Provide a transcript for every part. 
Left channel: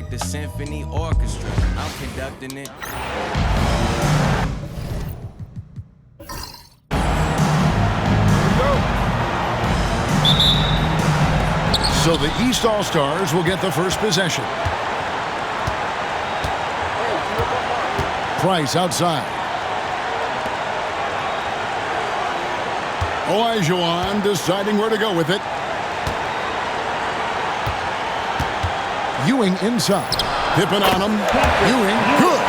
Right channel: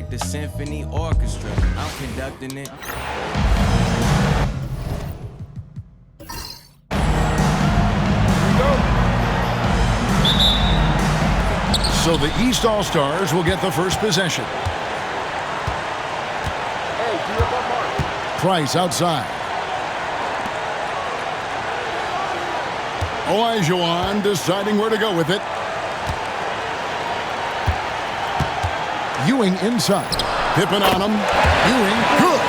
like the symphony orchestra. I'm conducting it. So the East All-Stars will get the first possession. Price outside. Olajuwon deciding where to go with it. Ewing inside. Pippen on him. Ewing, good.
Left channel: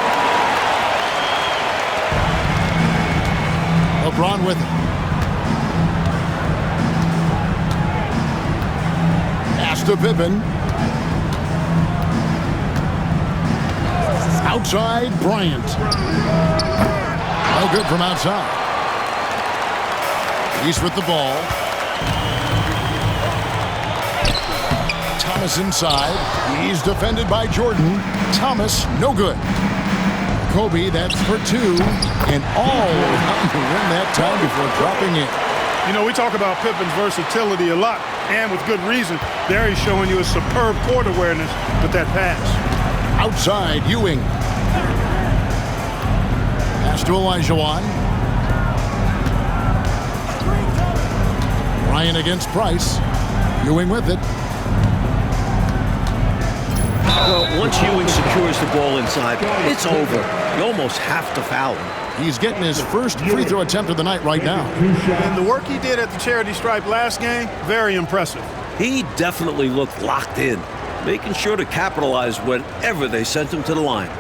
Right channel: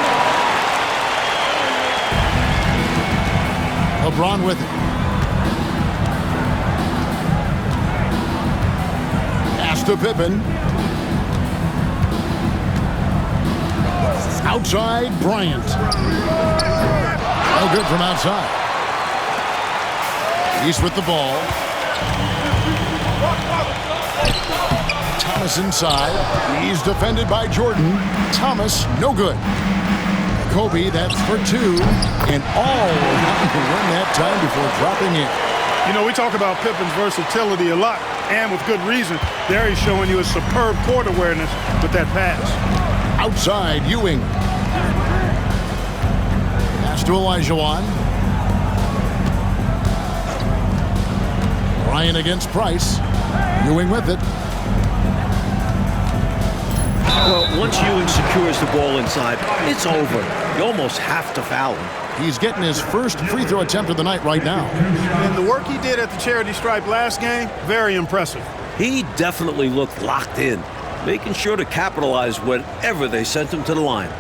LeBron with it. Pass to Pippen. Outside, Bryant. No good from outside. He's with the ball. Thomas inside. He's defended by Jordan. Thomas, no good. Kobe, that's for two. And all around to win that time before dropping in. You know, we talk about Pippen's versatility a lot, and with good reason. There he's showing you a superb court awareness with that pass. Outside, Ewing. Pass to Olajuwon. Bryant against Price. Ewing with it. Well, once Ewing secures the ball inside, it's over. You almost have to foul him. He's getting his first free throw attempt of the night right now. And the work he did at the charity stripe last game, very impressive. He definitely looked locked in, making sure to capitalize whenever they sent him to the line.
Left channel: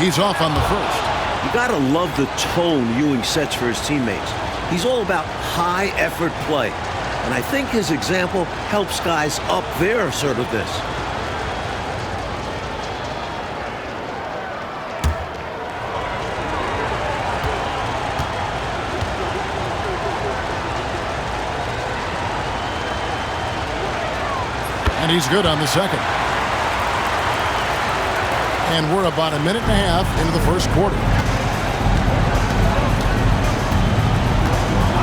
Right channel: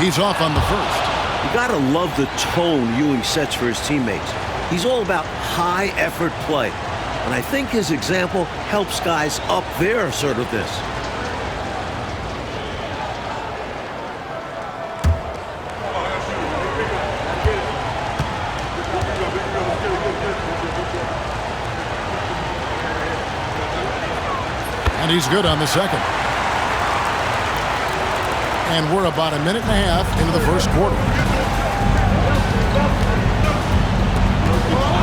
He's off on the first. You gotta love the tone Ewing sets for his teammates. He's all about high-effort play, and I think his example helps guys up their assertiveness. And he's good on the second. And we're about a minute and a half into the first quarter.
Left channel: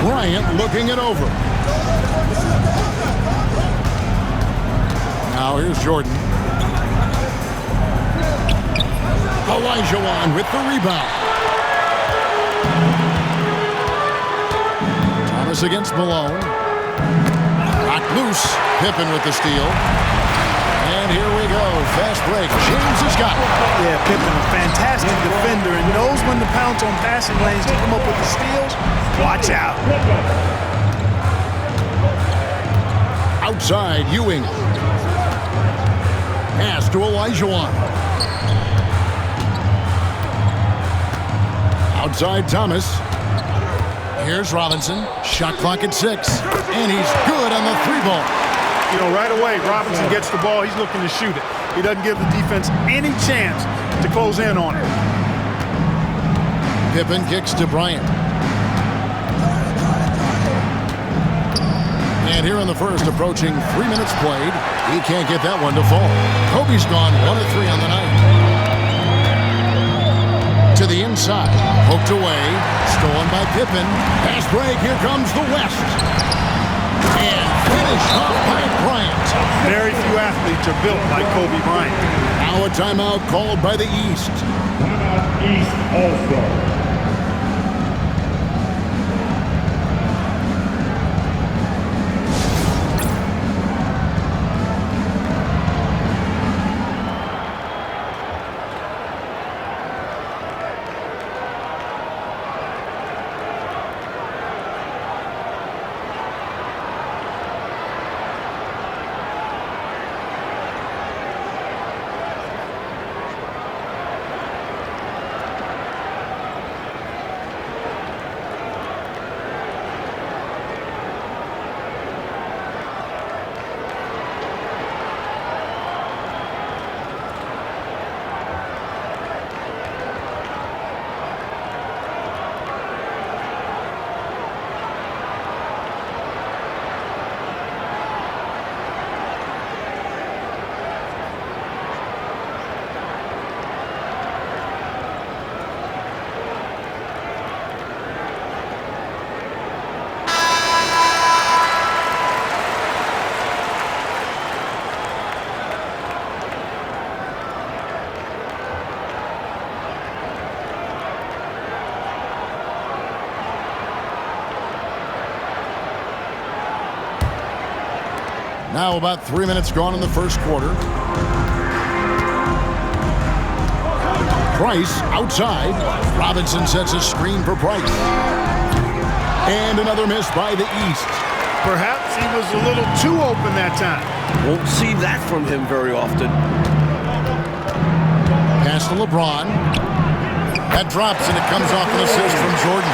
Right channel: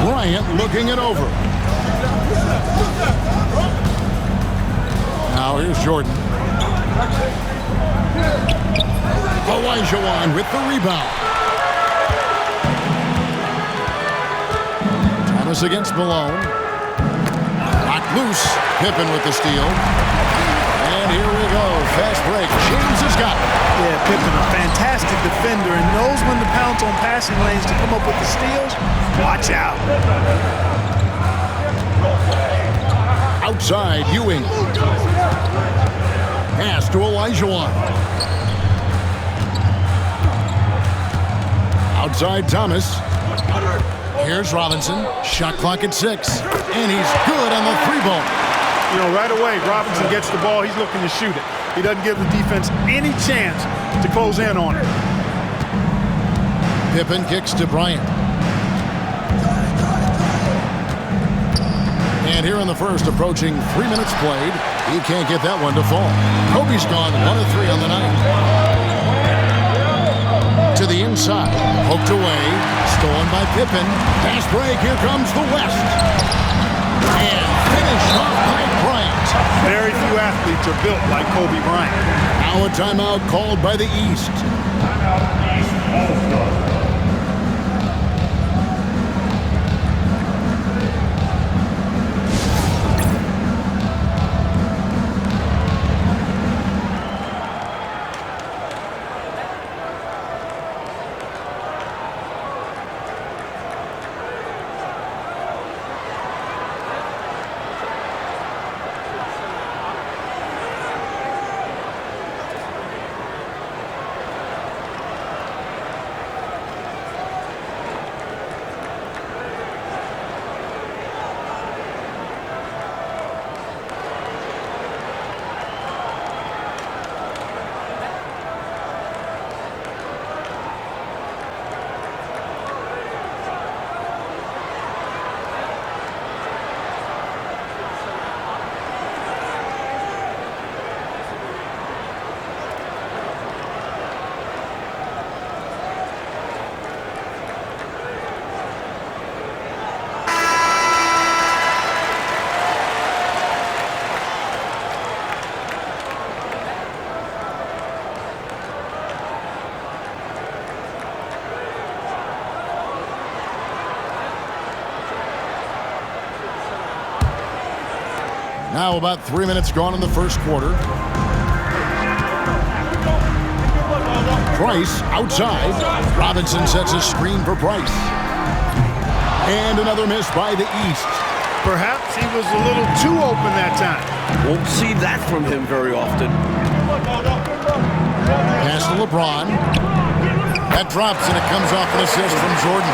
Bryant looking it over. Now here's Jordan. Olajuwon with the rebound. Thomas against Malone. Knocked loose. Pippen with the steal. And here we go. Fast break. James has got it. Yeah, Pippen, a fantastic defender, and knows when to pounce on passing lanes to come up with the steals. Watch out. Outside, Ewing. Pass to Olajuwon. Outside, Thomas. Here's Robinson. Shot clock at 6. And he's good on the three ball. You know, right away, Robinson gets the ball. He's looking to shoot it. He doesn't give the defense any chance to close in on it. Pippen kicks to Bryant. And here in the first, approaching 3 minutes played, he can't get that one to fall. Kobe's gone 1 of 3 on the night. To the inside, poked away, stolen by Pippen. Pass break, here comes the West. And finished off by Bryant. Very few athletes are built like Kobe Bryant. Now a timeout called by the East. Timeout East All-Star. Now about 3 minutes gone in the first quarter. Price outside. Robinson sets a screen for Price. And another miss by the East. Perhaps he was a little too open that time. Won't see that from him very often. Pass to LeBron. That drops, and it comes off an assist from Jordan.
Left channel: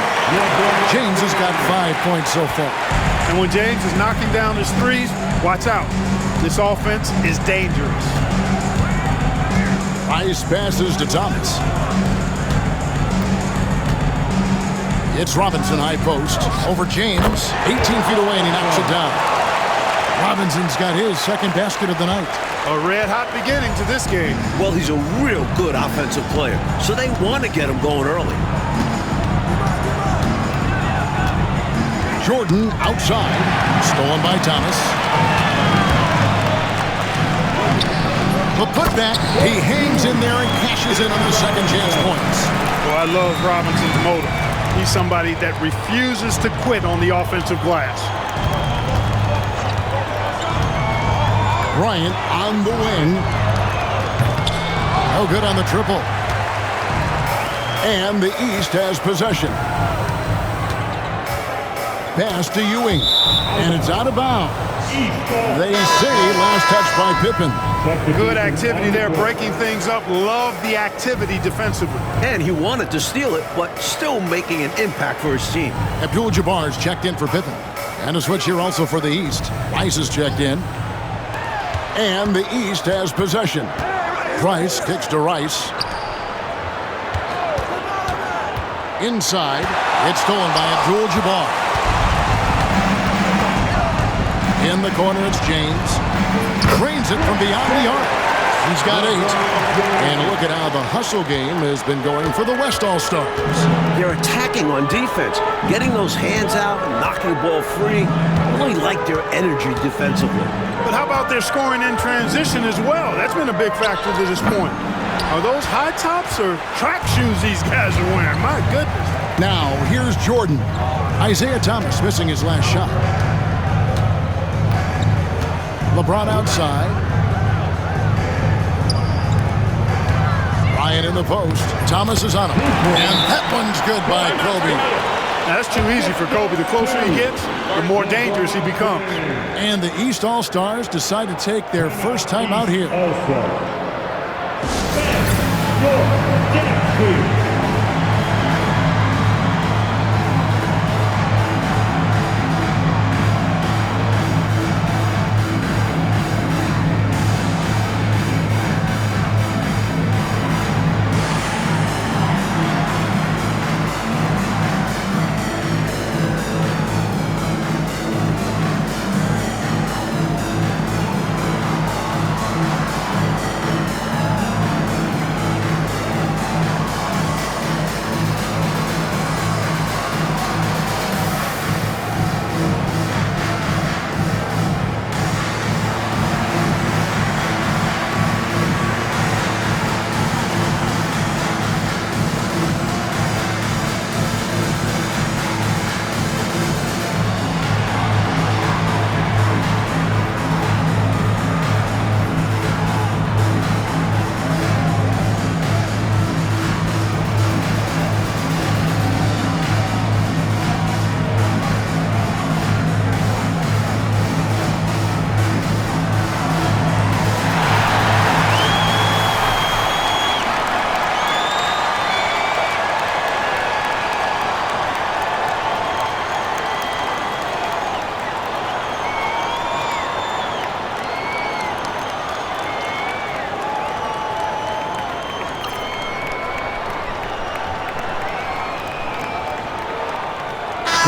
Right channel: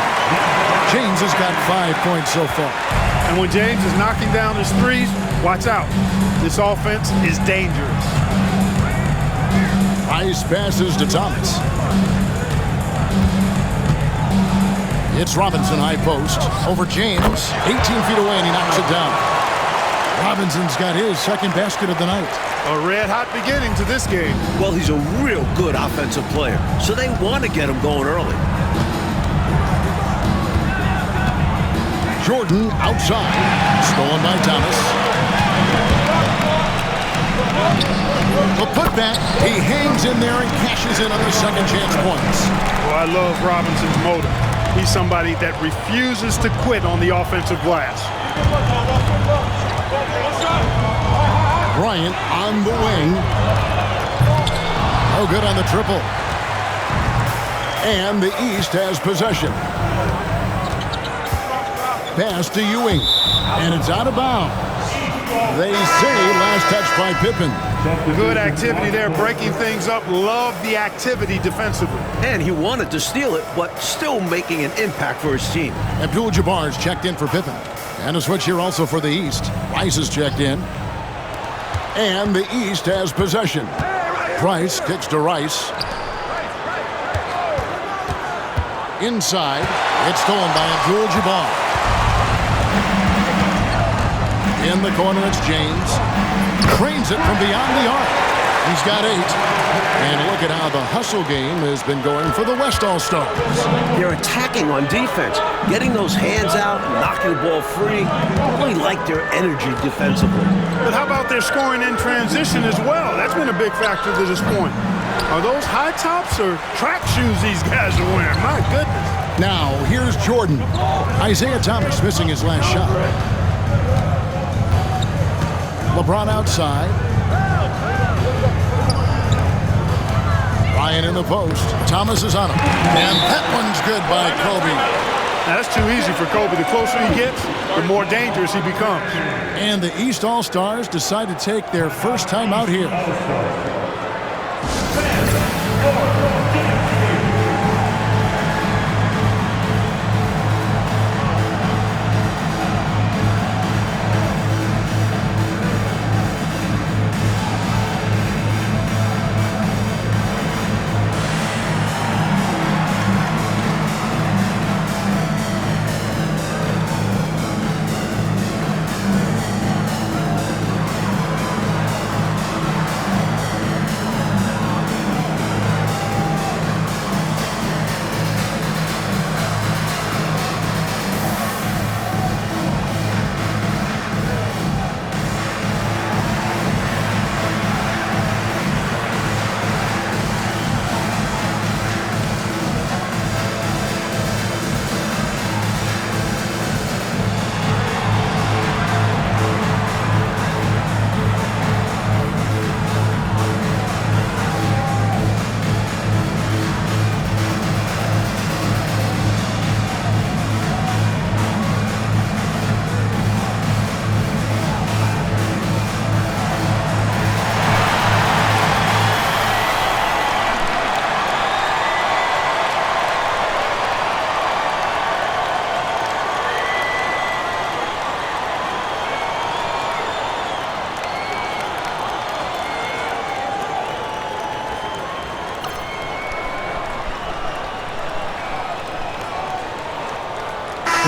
James has got 5 points so far. And when James is knocking down his threes, watch out. This offense is dangerous. Price passes to Thomas. It's Robinson high post over James. 18 feet away, and he knocks it down. Robinson's got his second basket of the night. A red-hot beginning to this game. Well, he's a real good offensive player, so they want to get him going early. Jordan outside. Stolen by Thomas. The putback. He hangs in there and cashes in on the second chance points. Well, I love Robinson's motive. He's somebody that refuses to quit on the offensive glass. Bryant on the wing. No good on the triple. And the East has possession. Pass to Ewing. And it's out of bounds. They say last touch by Pippen. Good activity there, breaking things up. Love the activity defensively. And he wanted to steal it, but still making an impact for his team. Abdul-Jabbar's checked in for Pippen. And a switch here also for the East. Rice is checked in. And the East has possession. Price kicks to Rice. Inside. It's stolen by Abdul-Jabbar. In the corner, it's James. Trains it from beyond the arc. He's got 8. And look at how the hustle game has been going for the West All-Stars. They're attacking on defense, getting those hands out and knocking the ball free. I really like their energy defensively. But how about their scoring in transition as well? That's been a big factor to this point. Are those high tops or track shoes these guys are wearing? My goodness. Now, here's Jordan. Isaiah Thomas missing his last shot. LeBron outside. Bryant in the post. Thomas is on him. And that one's good by Kobe. Now, that's too easy for Kobe. The closer he gets, the more dangerous he becomes. And the East All-Stars decide to take their first time out here.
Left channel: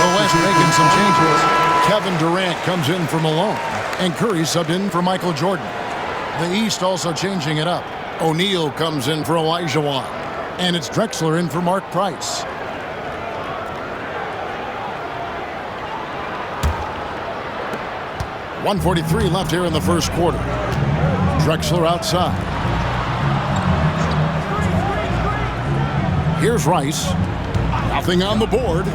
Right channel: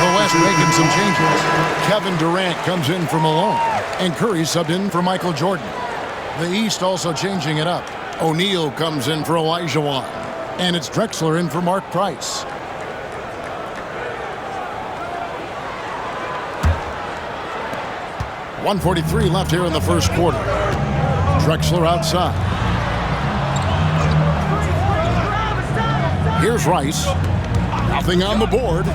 The West making some changes. Kevin Durant comes in for Malone, and Curry subbed in for Michael Jordan. The East also changing it up. O'Neal comes in for Elijah Wan, and it's Drexler in for Mark Price. .143 left here in the first quarter. Drexler outside. Here's Rice. Nothing on the board.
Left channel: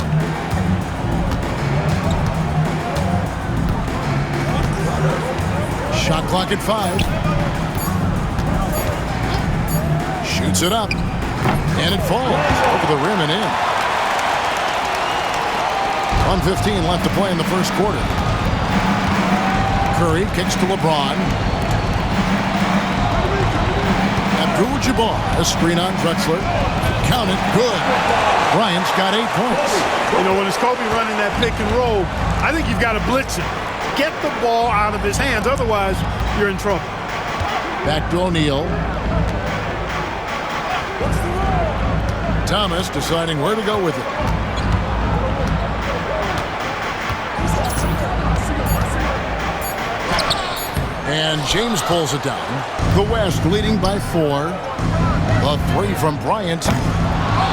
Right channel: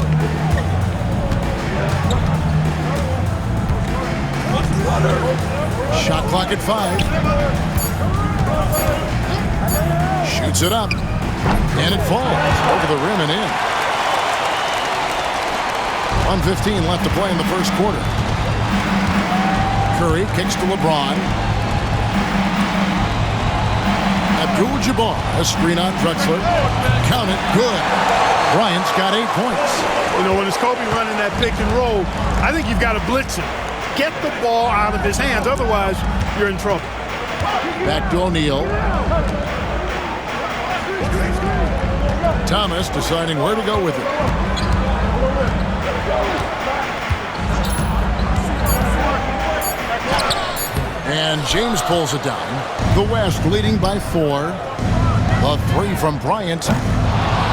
Shot clock at 5. Shoots it up. And it falls over the rim and in. 1:15 left to play in the first quarter. Curry kicks to LeBron. Abdul-Jabbar, a screen on Drexler. Count it, good. Bryant's got 8 points. You know, when it's Kobe running that pick and roll, I think you've got to blitz him. Get the ball out of his hands, otherwise you're in trouble. Back to O'Neal. Thomas deciding where to go with it. And James pulls it down. The West leading by 4. The 3 from Bryant.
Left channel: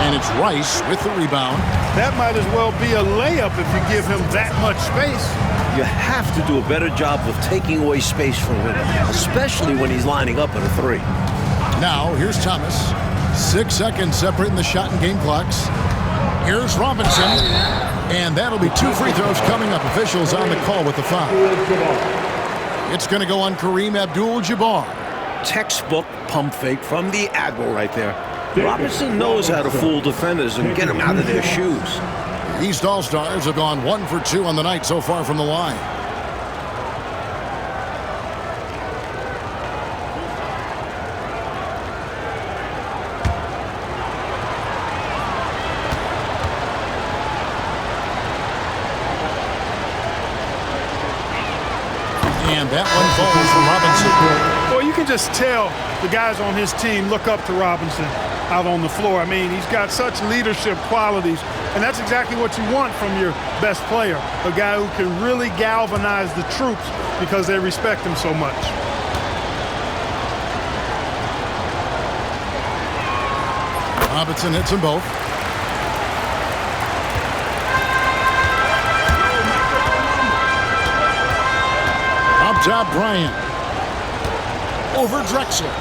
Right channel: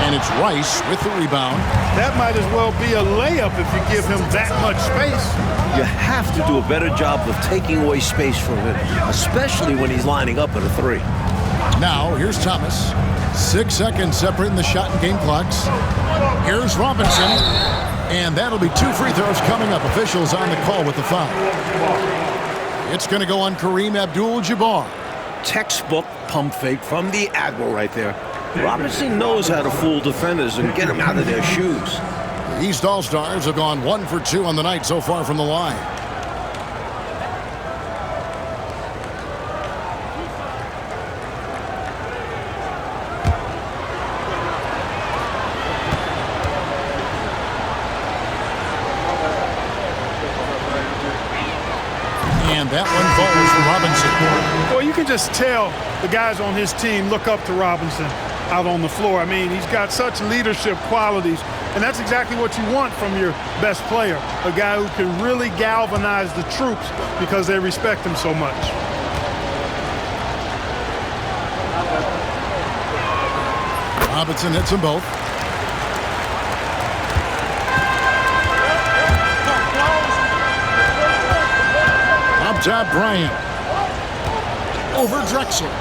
And it's Rice with the rebound. That might as well be a layup if you give him that much space. You have to do a better job of taking away space from him, especially when he's lining up at a 3. Now, here's Thomas. 6 seconds separating the shot and game clocks. Here's Robinson. And that'll be 2 free throws coming up. Officials on the call with the foul. It's going to go on Kareem Abdul-Jabbar. Textbook pump fake from the Admiral right there. Robinson knows how to fool defenders and get them out of their shoes. The East All-Stars have gone 1 for 2 on the night so far from the line. And that one falls for Robinson. Well, you can just tell the guys on his team look up to Robinson out on the floor. I mean, he's got such leadership qualities, and that's exactly what you want from your best player, a guy who can really galvanize the troops because they respect him so much. Robinson hits them both. Up top, Bryant. Over Drexler.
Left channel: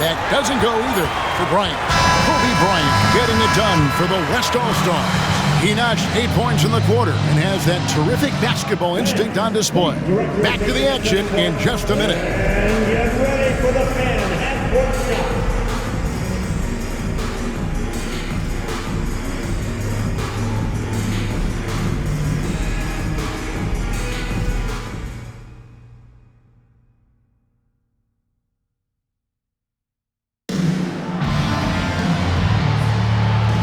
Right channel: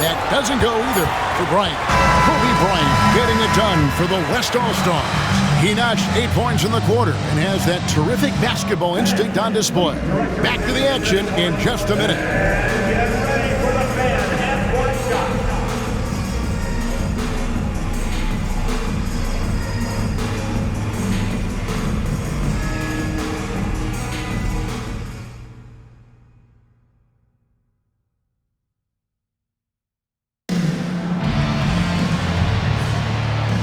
That doesn't go either for Bryant. Kobe Bryant getting it done for the West All-Stars. He notched 8 points in the quarter and has that terrific basketball instinct on display. Back to the action in just a minute. Get ready for the fan half-court shot.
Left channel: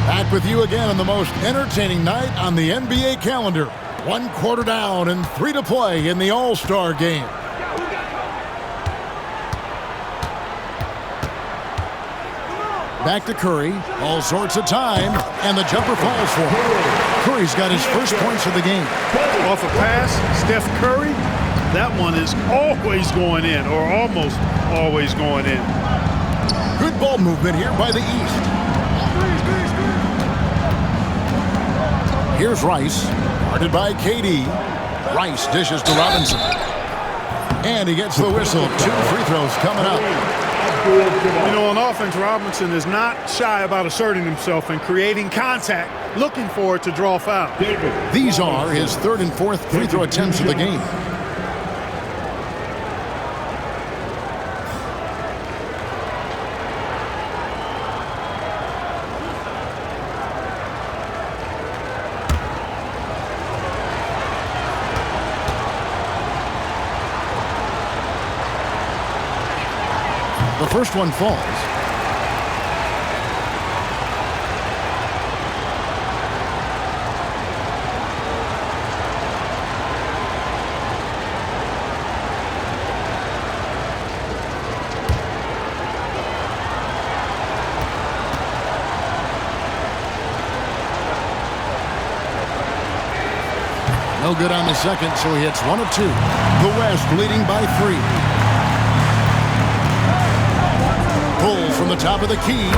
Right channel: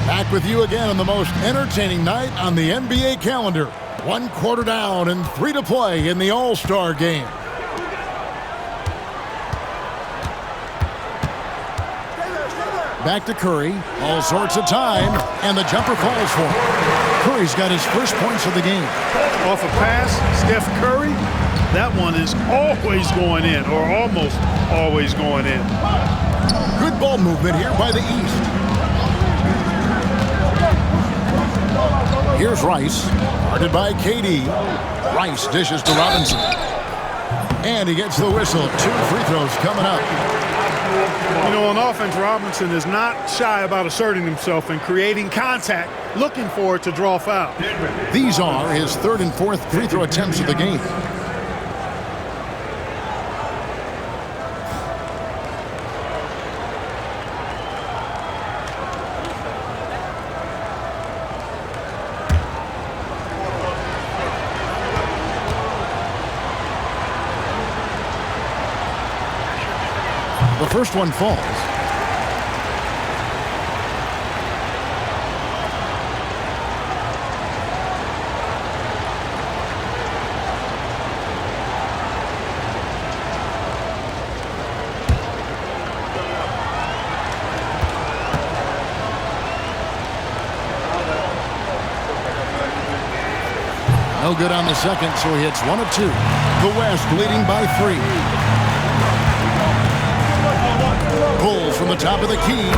Back with you again on the most entertaining night on the NBA calendar. 1 quarter down and 3 to play in the All-Star game. Back to Curry. All sorts of time, and the jumper falls for him. Curry's got his first points of the game. Off a pass, Steph Curry, that one is always going in, or almost always going in. Good ball movement here by the East. Here's Rice, guarded by KD. Rice dishes to Robinson. And he gets the whistle. 2 free throws coming up. You know, on offense, Robinson is not shy about asserting himself and creating contact, looking for it to draw foul. These are his 3rd and 4th free throw attempts of the game. The first one falls. No good on the second, so he hits 1 of 2. The West leading by 3. Pulls from the top of the key,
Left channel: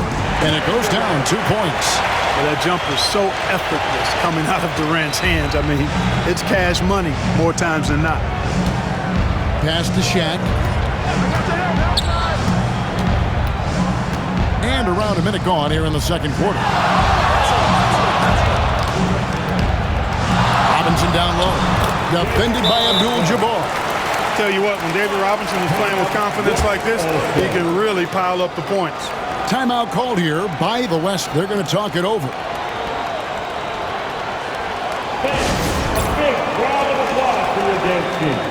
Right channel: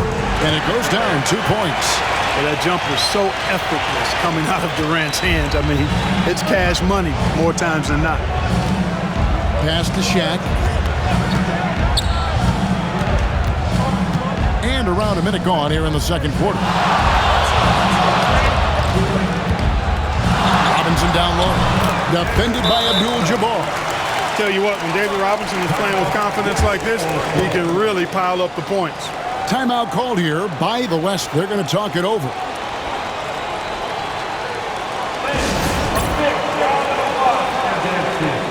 and it goes down 2 points. Well, that jumper's so effortless coming out of Durant's hands. I mean, it's cash money more times than not. Pass to Shaq. And around a minute gone here in the second quarter. Robinson down low. Defended by Abdul-Jabbar. Tell you what, when David Robinson is playing with confidence like this, he can really pile up the points. Timeout called here by the West. They're going to talk it over. Big round of applause for your dance team.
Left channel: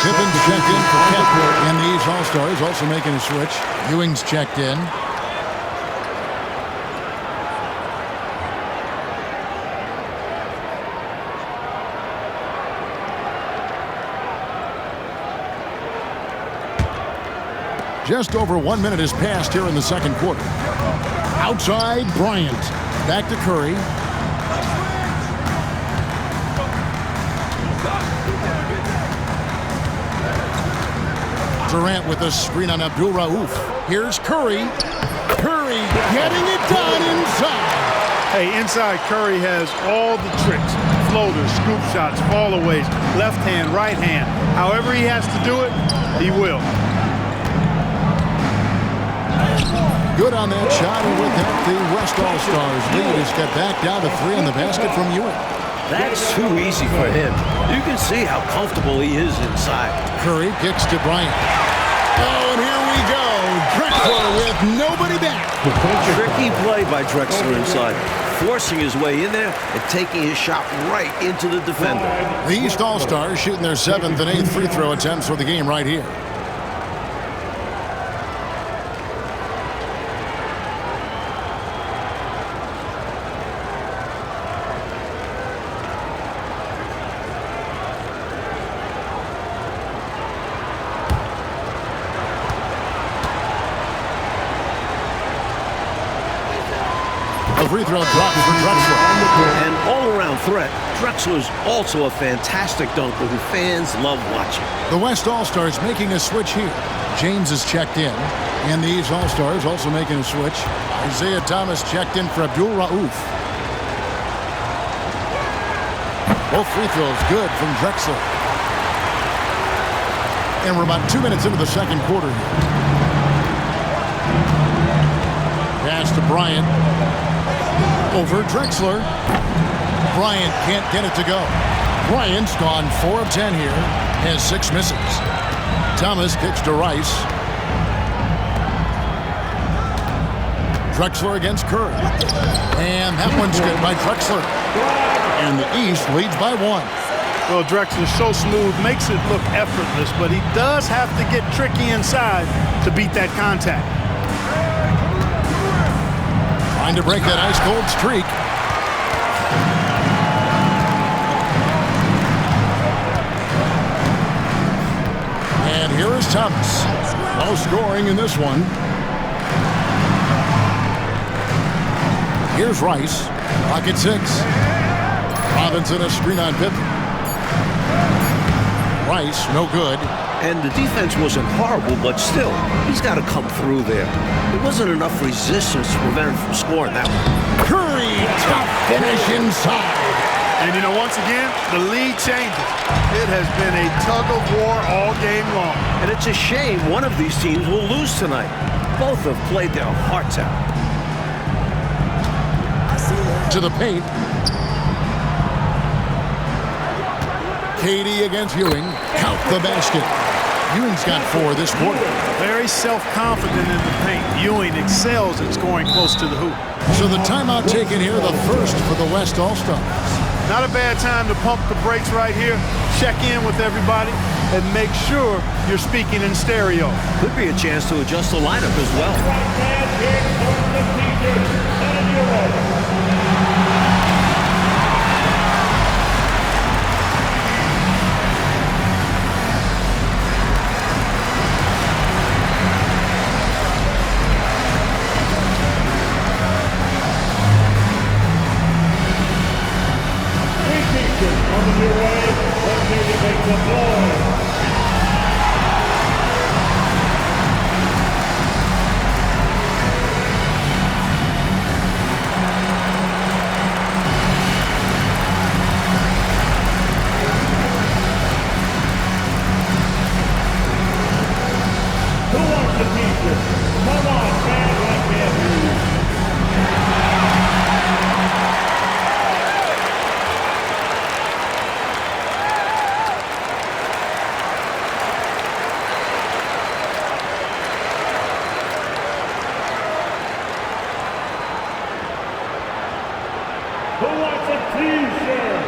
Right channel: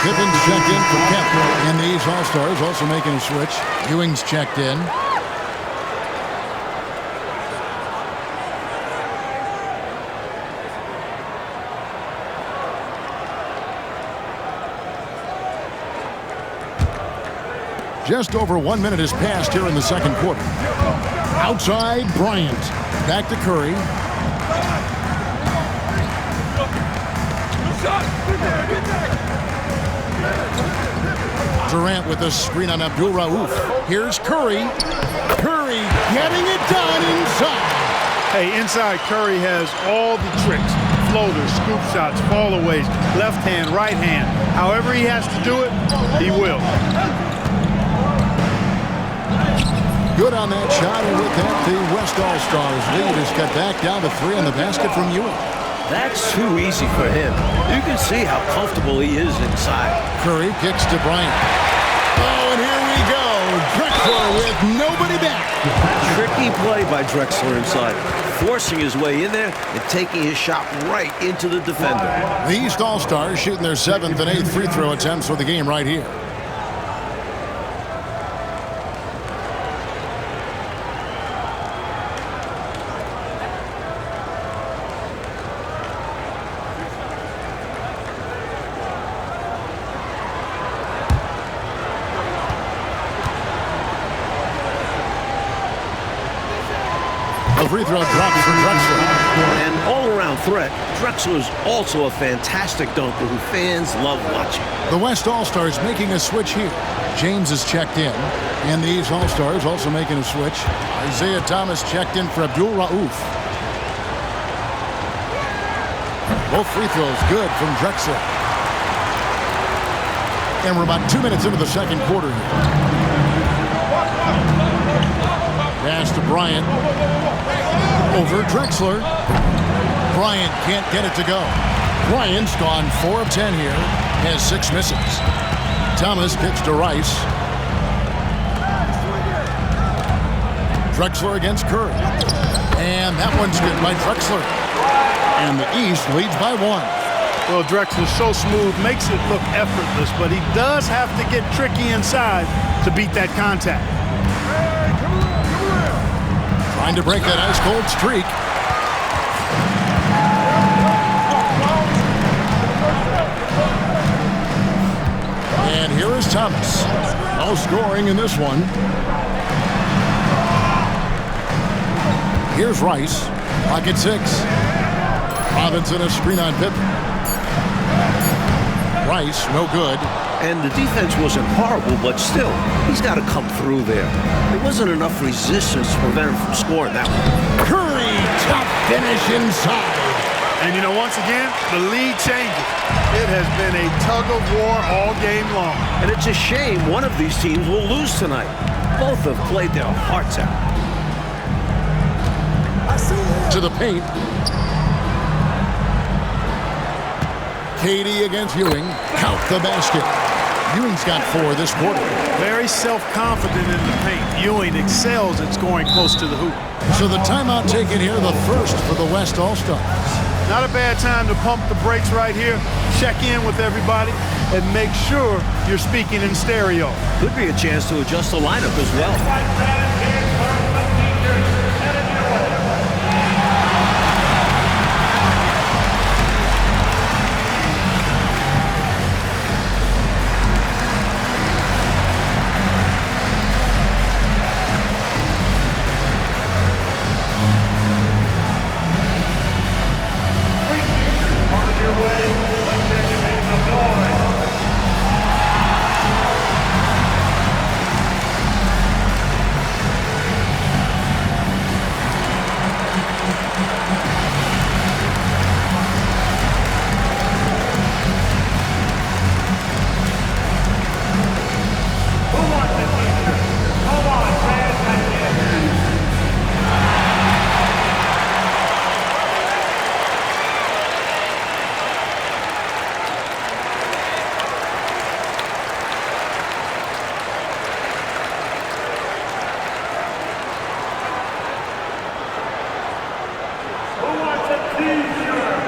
Pippen's checked in for Kemp. And these All-Stars also making a switch. Ewing's checked in. Just over 1 minute has passed here in the second quarter. Outside, Bryant. Back to Curry. Durant with a screen on Abdul-Rauf. Here's Curry. Curry getting it done inside. Hey, inside Curry has all the tricks. Floaters, scoop shots, fallaways, left hand, right hand. However he has to do it, he will. Good on that shot, and with that, the West All-Stars lead is cut back down to 3 on the basket from Ewing. That's too easy for him. You can see how comfortable he is inside. Curry kicks to Bryant. Oh, and here we go. Drexler with nobody back. Tricky play by Drexler inside, forcing his way in there and taking his shot right into the defender. The East All-Stars shooting their 7th and 8th free throw attempts for the game right here. The free throw drops for Drexler. An all-around threat, Drexler's also a fantastic dunker who fans love watching. The West All-Stars making a switch here. James is checked in. And the East All-Stars also making a switch. Isaiah Thomas checked in for Abdul-Rauf. Both free throws good from Drexler. And we're about 2 minutes into the second quarter here. Pass to Bryant. Over Drexler. Bryant can't get it to go. Bryant's gone 4 of 10 here. Has 6 misses. Thomas kicks to Rice. Drexler against Curry. And that one's good by Drexler. And the East leads by 1. Well, Drexler's so smooth, makes it look effortless, but he does have to get tricky inside to beat that contact. Trying to break that ice-cold streak. And here is Thomas. No scoring in this one. Here's Rice. Pocket 6. Robinson a screen on Pippen. Rice, no good. And the defense wasn't horrible, but still, he's got to come through there. There wasn't enough resistance to prevent him from scoring that one. Curry, tough finish inside. And, you know, once again, the lead changes. It has been a tug-of-war all game long. And it's a shame one of these teams will lose tonight. Both have played their hearts out. To the paint. Katie against Ewing. Count the basket. Ewing's got 4 this quarter. Very self-confident in the paint. Ewing excels at scoring close to the hoop. So the timeout taken here, the first for the West All-Stars. Not a bad time to pump the brakes right here, check in with everybody, and make sure you're speaking in stereo. Could be a chance to adjust the lineup as well. Who wants a T-shirt?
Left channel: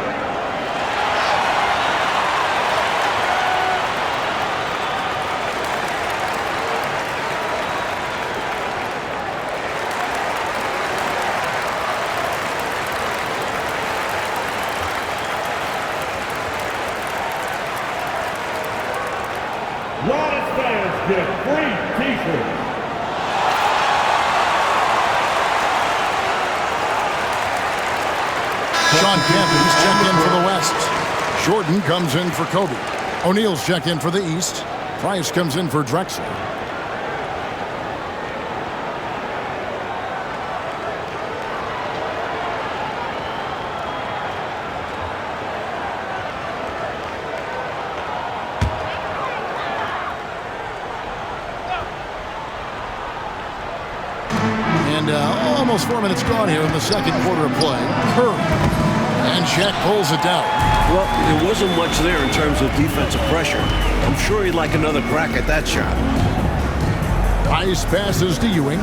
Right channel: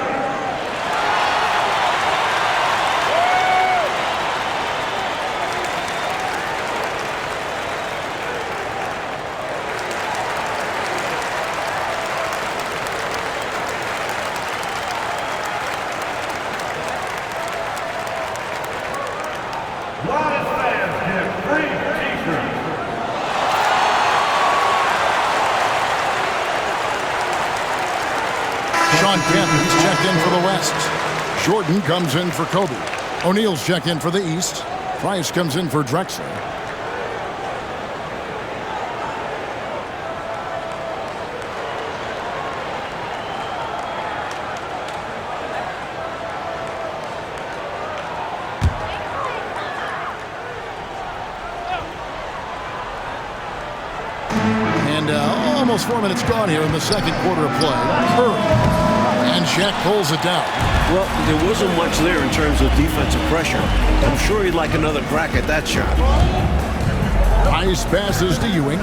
Loudest fans get free T-shirts. Sean Kemp, he's checked in for the West. Jordan comes in for Kobe. O'Neal's checked in for the East. Price comes in for Drexler. And almost 4 minutes gone here in the second quarter of play. Curry. And Shaq pulls it down. Well, there wasn't much there in terms of defensive pressure. I'm sure he'd like another crack at that shot. Ice passes to Ewing.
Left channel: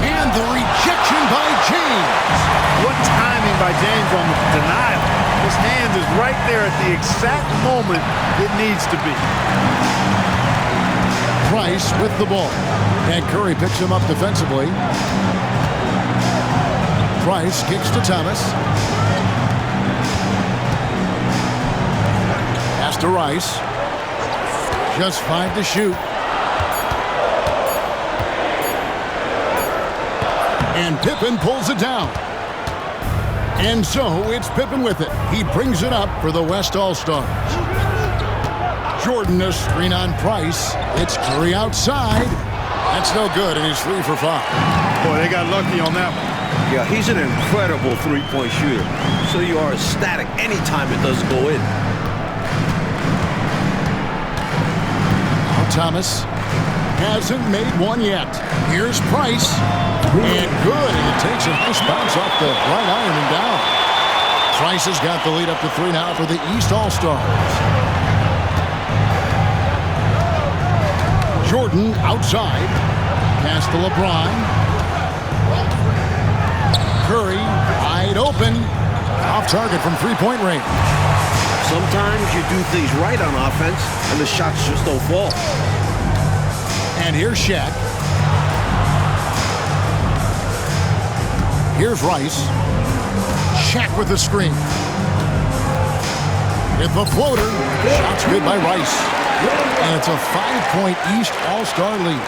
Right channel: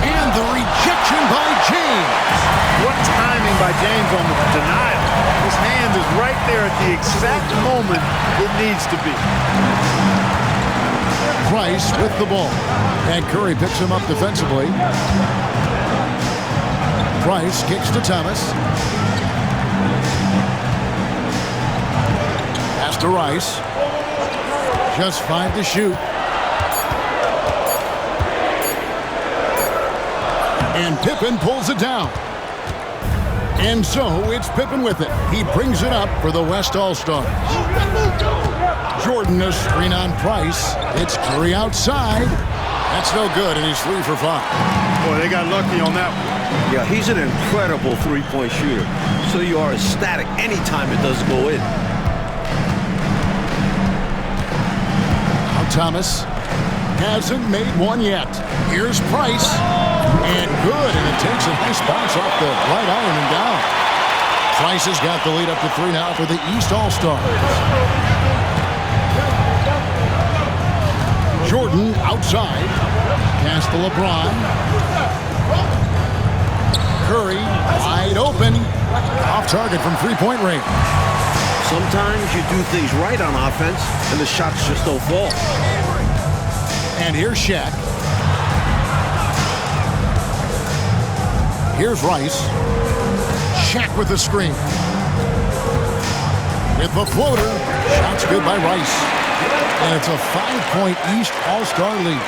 And the rejection by James. What timing by James on the denial. His hand is right there at the exact moment it needs to be. Price with the ball. And Curry picks him up defensively. Price kicks to Thomas. Pass to Rice. Just 5 to shoot. And Pippen pulls it down. And so it's Pippen with it. He brings it up for the West All-Stars. Jordan, a screen on Price. It's Curry outside. That's no good, and he's 3 for 5. Boy, they got lucky on that one. Yeah, he's an incredible three-point shooter. So you are ecstatic anytime it does go in. Now Thomas hasn't made one yet. Here's Price. And good, and it takes a nice bounce off the right iron and down. Price has got the lead up to 3 now for the East All-Stars. Jordan outside. Pass to LeBron. Curry wide open. Off target from 3-point range. Sometimes you do things right on offense, and the shots just don't fall. And here's Shaq. Here's Rice. Shaq with the screen. With the floater. Shots good by Rice. And it's a 5-point East All-Star lead.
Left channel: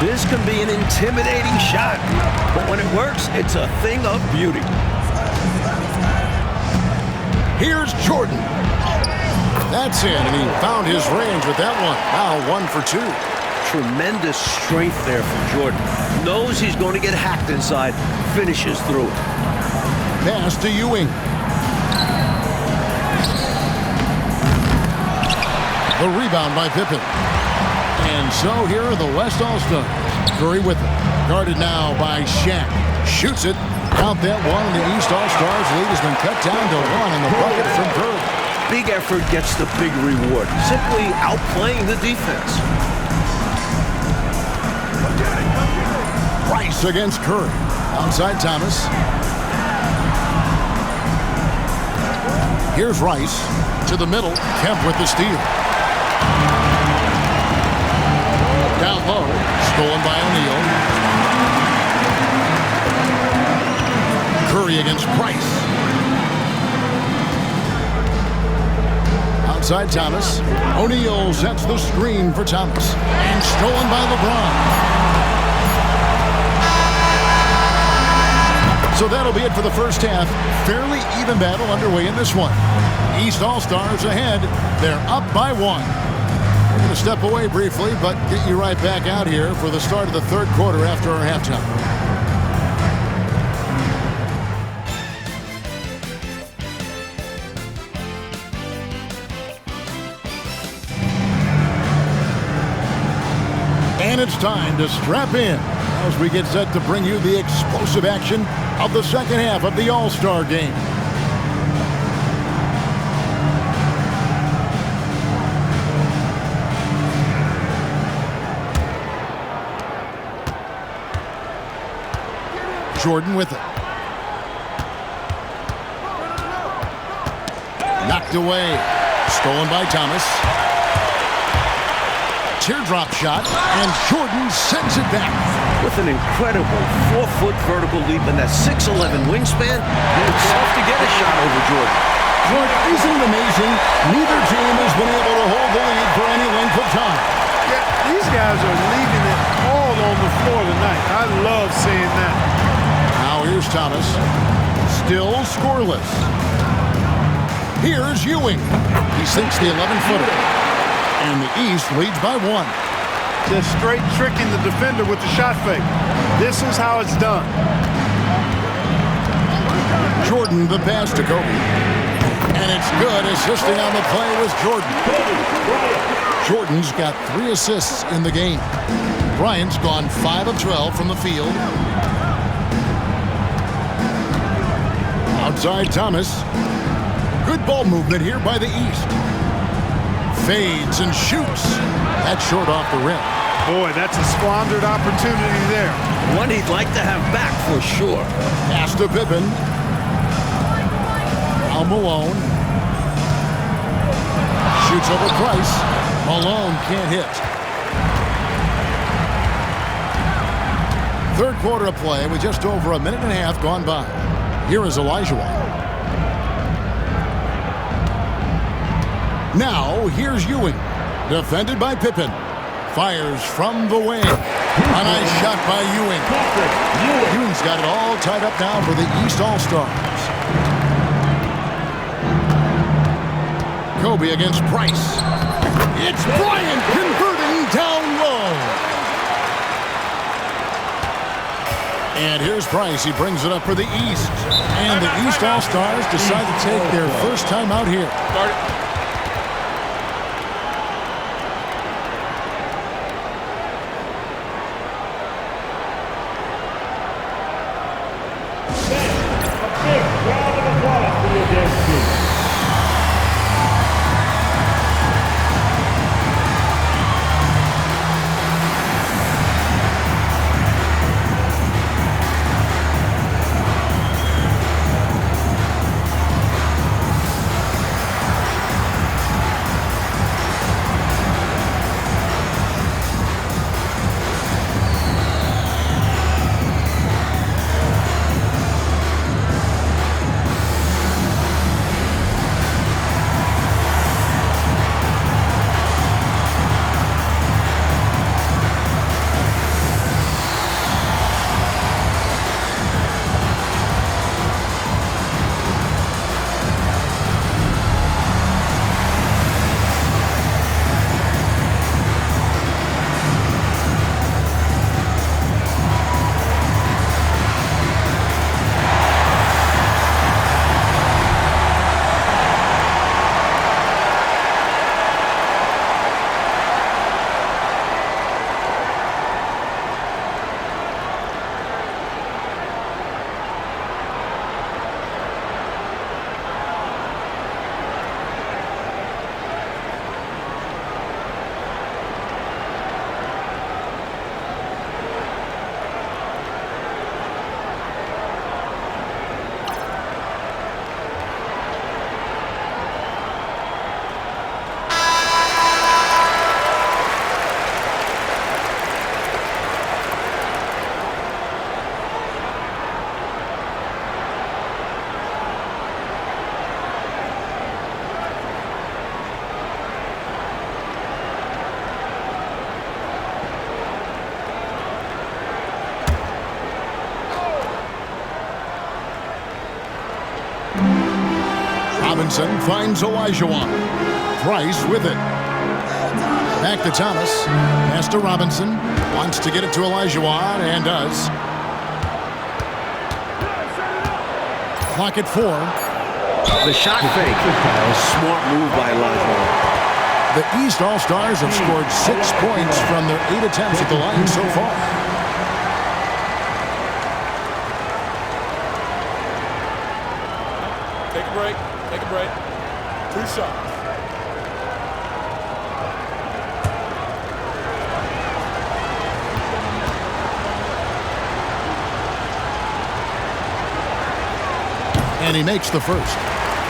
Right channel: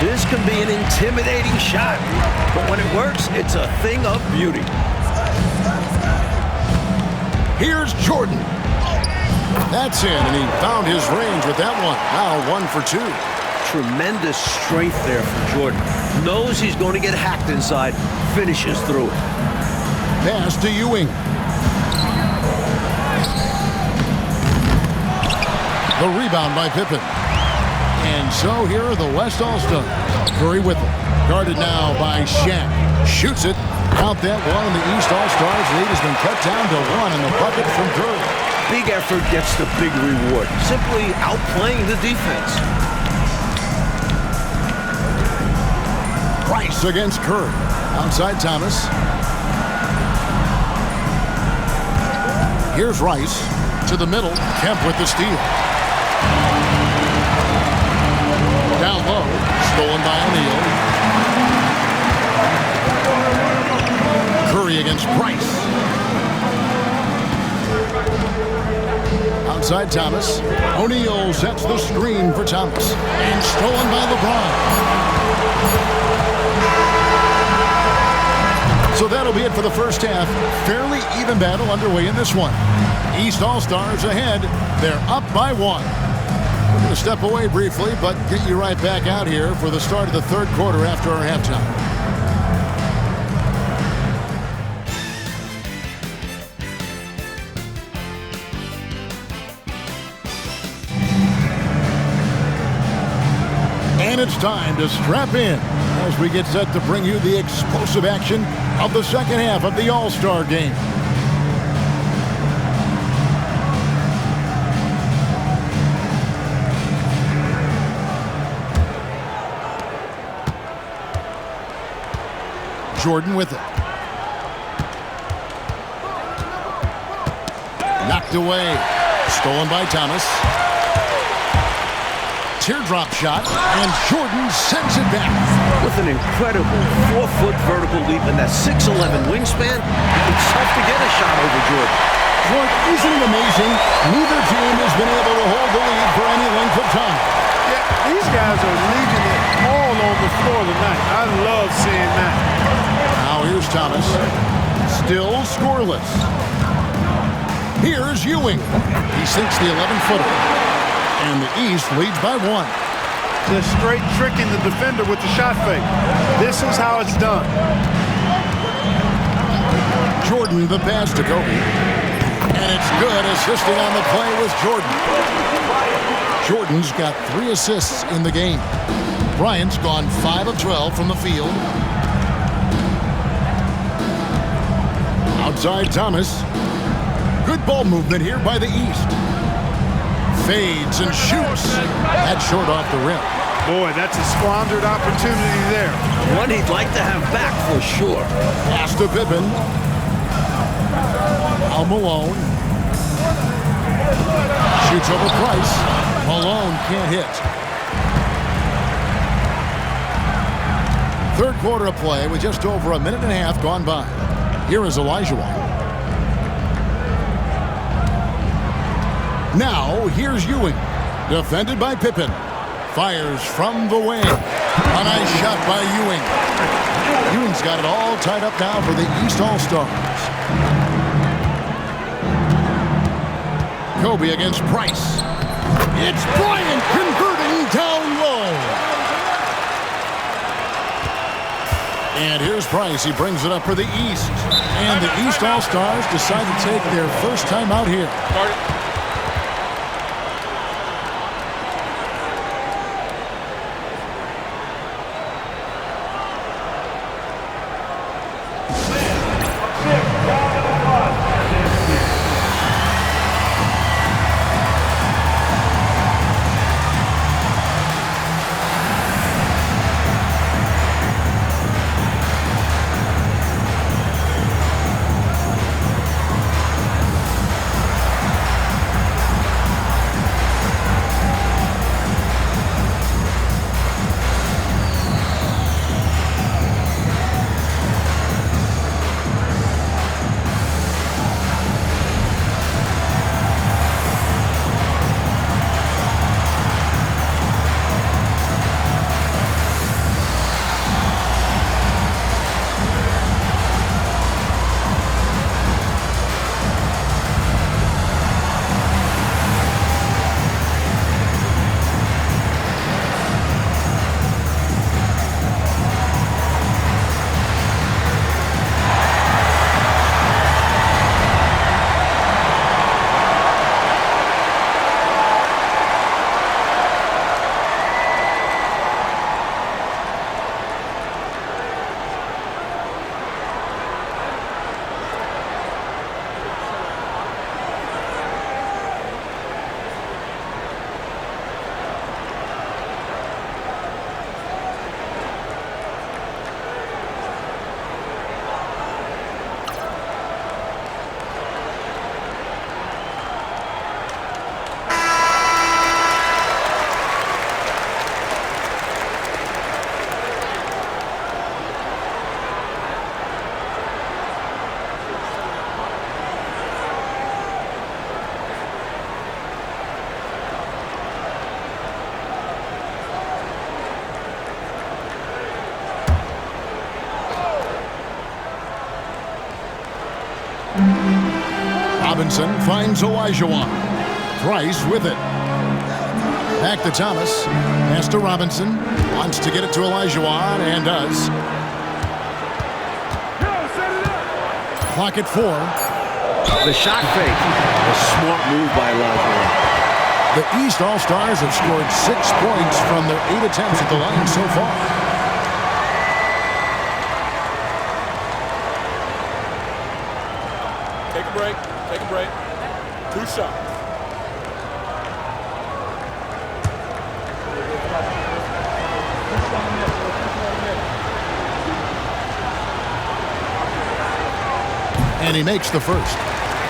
This can be an intimidating shot, but when it works, it's a thing of beauty. Here's Jordan. That's in, and he found his range with that one. Now 1 for 2. tremendous strength there from Jordan. Knows he's going to get hacked inside, finishes through it. Pass to Ewing. The rebound by Pippen. And so here are the West All-Stars. Curry with it. Guarded now by Shaq. Shoots it. Count that one, and the East All-Stars lead has been cut down to 1 on the bucket from Curry. Big effort gets the big reward. Simply outplaying the defense. Price against Curry. Outside Thomas. Here's Rice. To the middle. Kemp with the steal. Down low. Stolen by O'Neal. Curry against Price. Outside Thomas. O'Neal sets the screen for Thomas. And stolen by LeBron. So that'll be it for the first half. Fairly even battle underway in this one. East All-Stars ahead. They're up by 1. We're going to step away briefly, but get you right back out here for the start of the third quarter after our halftime. And it's time to strap in as we get set to bring you the explosive action of the second half of the All-Star game. Jordan with it. Knocked away. Stolen by Thomas. Teardrop shot, and Jordan sends it back. With an incredible 4-foot vertical leap and that 6'11" wingspan, it's tough to get a shot over Jordan. Clark, isn't it amazing? Neither team has been able to hold the lead for any length of time. Yeah, these guys are leaving it all on the floor tonight. I love seeing that. Now here's Thomas. Still scoreless. Here's Ewing. He sinks the 11-footer. And the East leads by 1. Just straight tricking the defender with the shot fake. This is how it's done. Jordan the pass to Kobe. And it's good. Assisting on the play was Jordan. Jordan's got 3 assists in the game. Bryant's gone 5 of 12 from the field. Outside Thomas. Good ball movement here by the East. Fades and shoots. That's short off the rim. Boy, that's a squandered opportunity there. One he'd like to have back for sure. Pass to Pippen. Al Malone. Shoots over Price. Malone can't hit. Third quarter of play with just over a minute and a half gone by. Here is Olajuwon. Now, here's Ewing. Defended by Pippen. Fires from the wing. A nice shot by Ewing. Ewing's got it all tied up now for the East All-Stars. Kobe against Price. It's Bryant converting down low. And here's Price. He brings it up for the East. And the East All-Stars decide to take their first time out here. Robinson finds Olajuwon. Price with it. Back to Thomas. Pass to Robinson. Wants to get it to Olajuwon and does. Clock at 4. The shot fake. A smart move by Olajuwon. The East All-Stars have scored 6 points from their 8 attempts at the line so far. Take a break. Take a break. 2 shots. And he makes the first.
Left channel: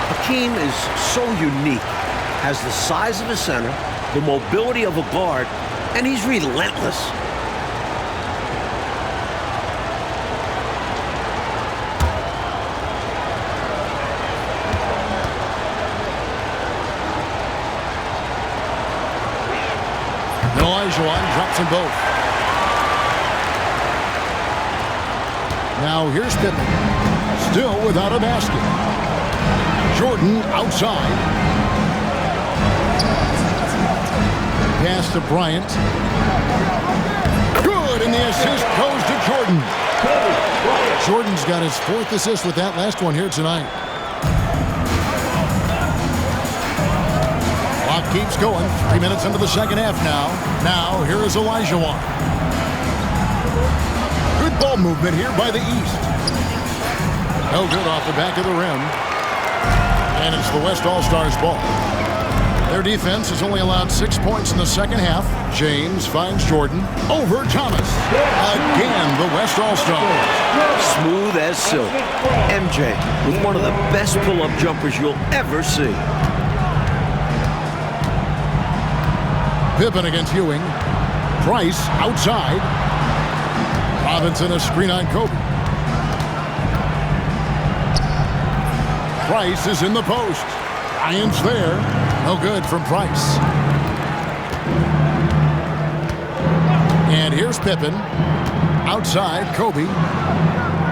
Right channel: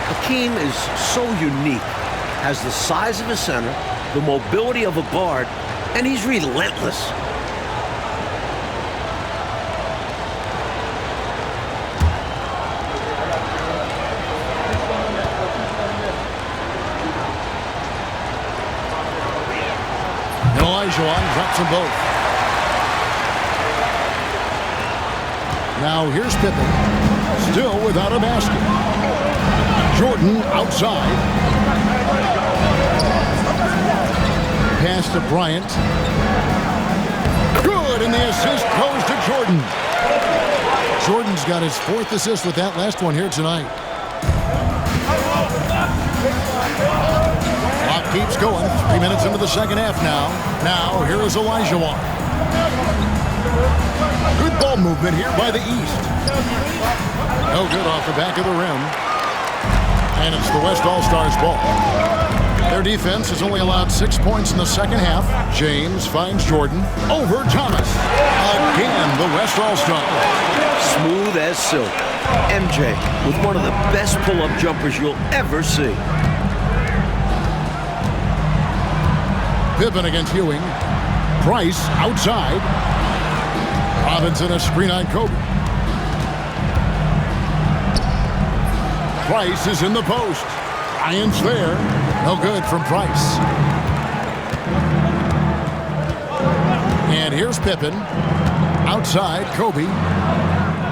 Hakeem is so unique. Has the size of a center, the mobility of a guard, and he's relentless. And Olajuwon drops them both. Now here's Pippen. Still without a basket. Jordan outside. Pass to Bryant. Good, and the assist goes to Jordan. Jordan's got his 4th assist with that last one here tonight. Clock keeps going. 3 minutes into the second half now. Now, here is Olajuwon. Good ball movement here by the East. No good off the back of the rim. And it's the West All-Stars ball. Their defense has only allowed 6 points in the second half. James finds Jordan over Thomas. Again, the West All-Stars. Smooth as silk. MJ with one of the best pull-up jumpers you'll ever see. Pippen against Ewing. Price outside. Robinson a screen on Kobe. Price is in the post. Bryant's there. No good from Price. And here's Pippen. Outside, Kobe.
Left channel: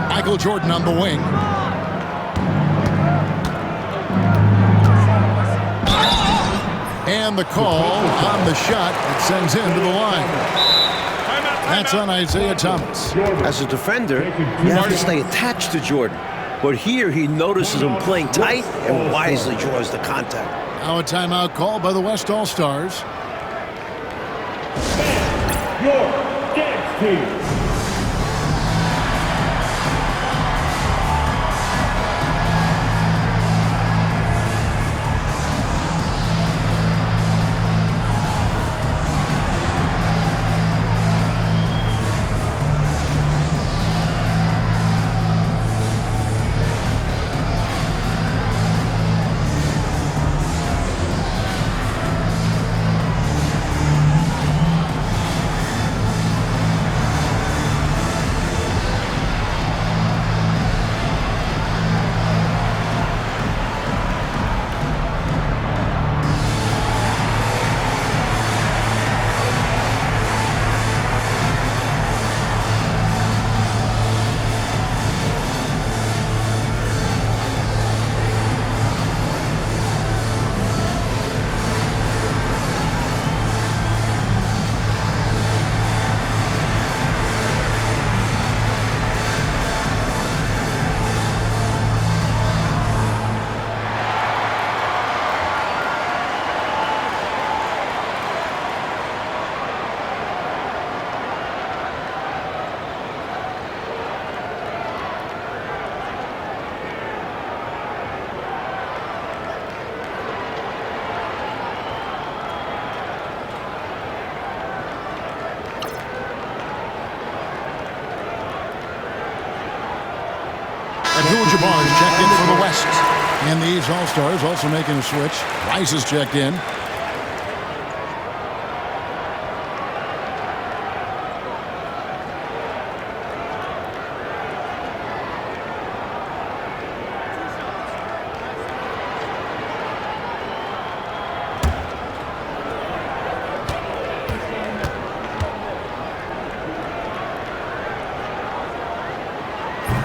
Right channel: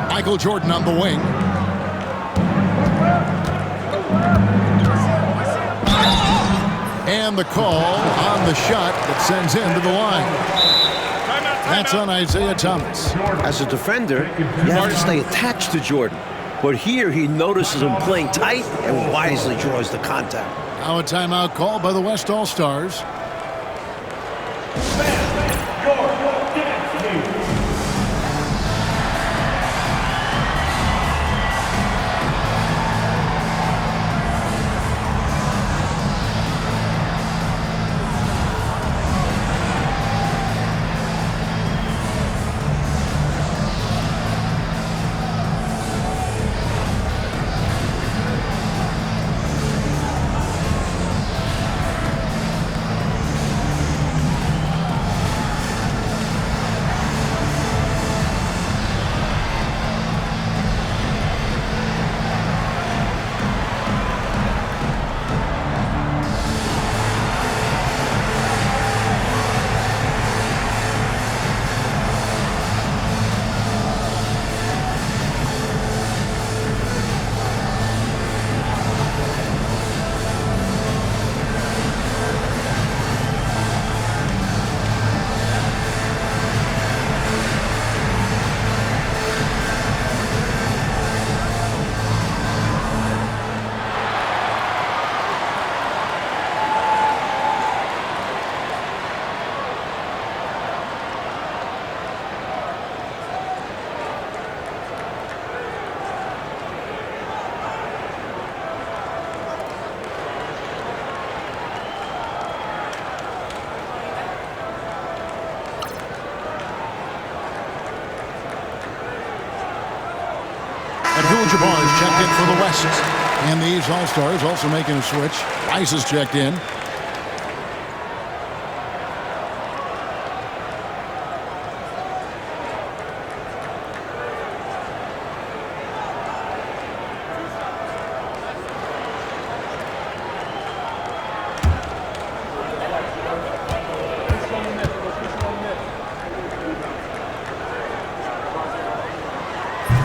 Michael Jordan on the wing. And the call on the shot that sends him to the line. That's on Isaiah Thomas. As a defender, you have to stay attached to Jordan. But here he notices him playing tight and wisely draws the contact. Now a timeout called by the West All-Stars. Your dance team. Abdul-Jabbar is checked in for the West. And these All-Stars also making a switch. Rice is checked in.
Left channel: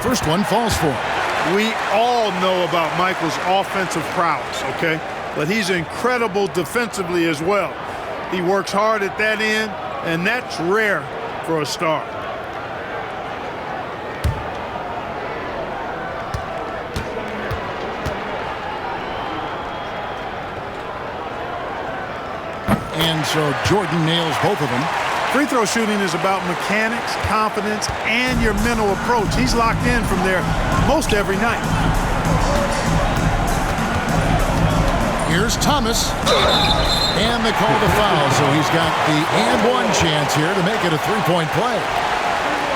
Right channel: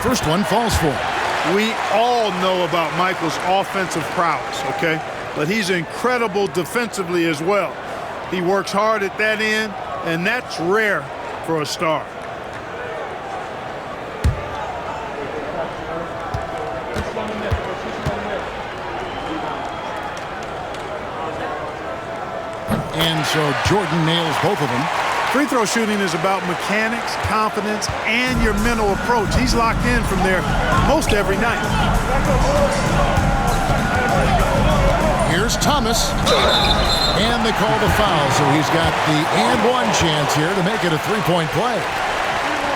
First one falls for him. We all know about Michael's offensive prowess, okay? But he's incredible defensively as well. He works hard at that end, and that's rare for a star. And so Jordan nails both of them. Free throw shooting is about mechanics, confidence, and your mental approach. He's locked in from there most every night. Here's Thomas. And they call the foul, so he's got the and one chance here to make it a three-point play.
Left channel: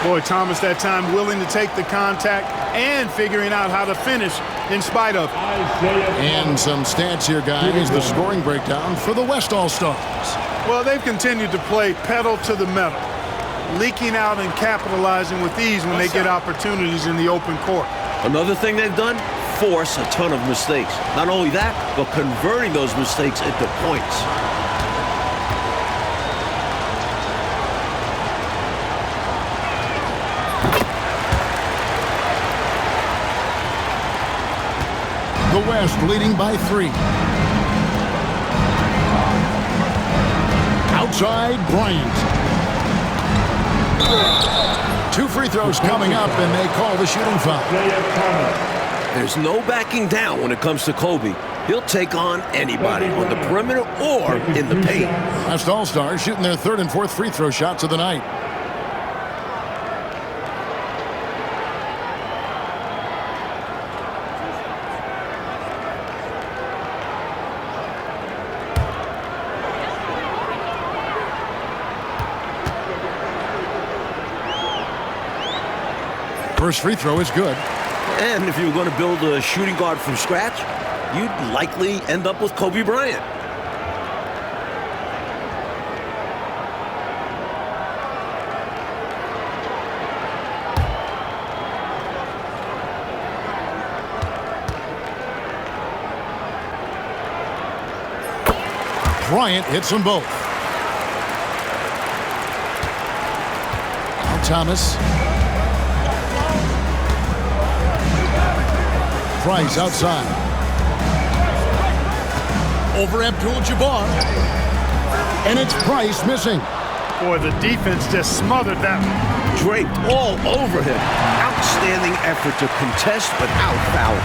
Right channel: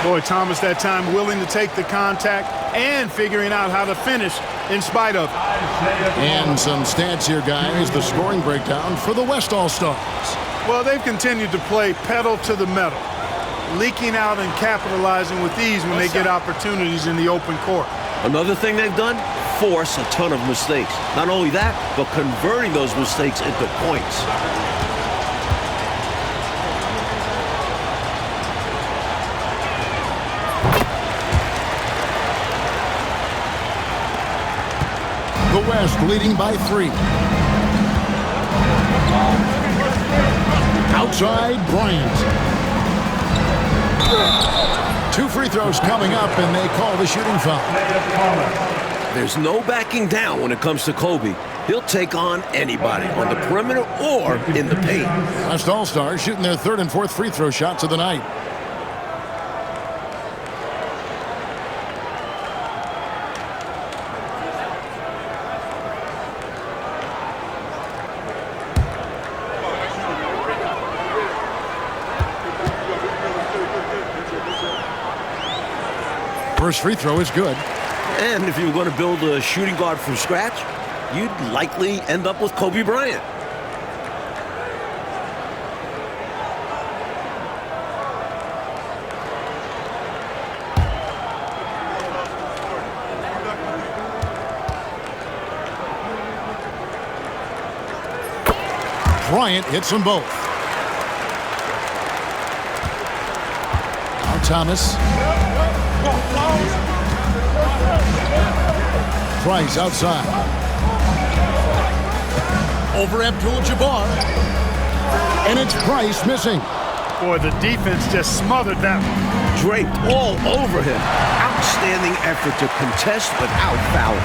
Boy, Thomas that time willing to take the contact and figuring out how to finish in spite of it. And some stats here, guys. The scoring breakdown for the West All-Stars. Well, they've continued to play pedal to the metal, leaking out and capitalizing with ease when they get opportunities in the open court. Another thing they've done, force a ton of mistakes. Not only that, but converting those mistakes into points. The West leading by 3. Outside, Bryant. 2 free throws coming up, and they call the shooting foul. There's no backing down when it comes to Kobe. He'll take on anybody on the perimeter or in the paint. West All-Stars shooting their 3rd and 4th free throw shots of the night. First free throw is good. And if you were going to build a shooting guard from scratch, you'd likely end up with Kobe Bryant. Bryant hits them both. Now Thomas. Price outside. Over Abdul-Jabbar. And it's Price missing. Boy, the defense just smothered that one. Draped all over him. Outstanding effort to contest without fouling.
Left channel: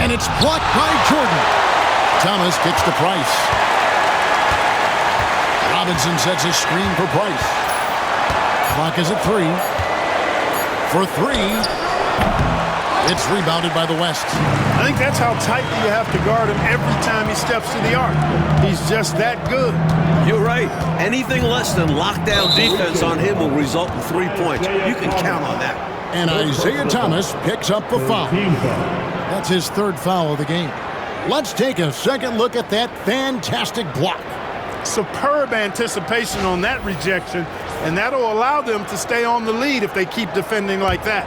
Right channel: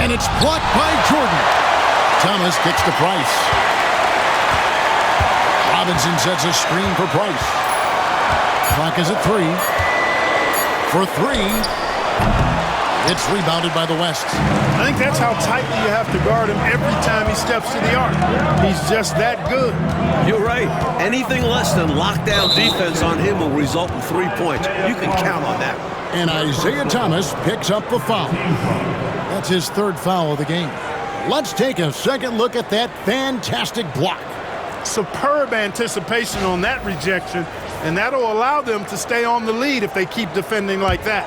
And it's blocked by Jordan. Thomas kicks to Price. Robinson sets a screen for Price. Clock is at 3. For 3. It's rebounded by the West. I think that's how tightly you have to guard him every time he steps to the arc. He's just that good. You're right. Anything less than lockdown defense on him will result in 3 points. You can count on that. And Isaiah Thomas picks up the foul. That's his 3rd foul of the game. Let's take a second look at that fantastic block. Superb anticipation on that rejection, and that'll allow them to stay on the lead if they keep defending like that.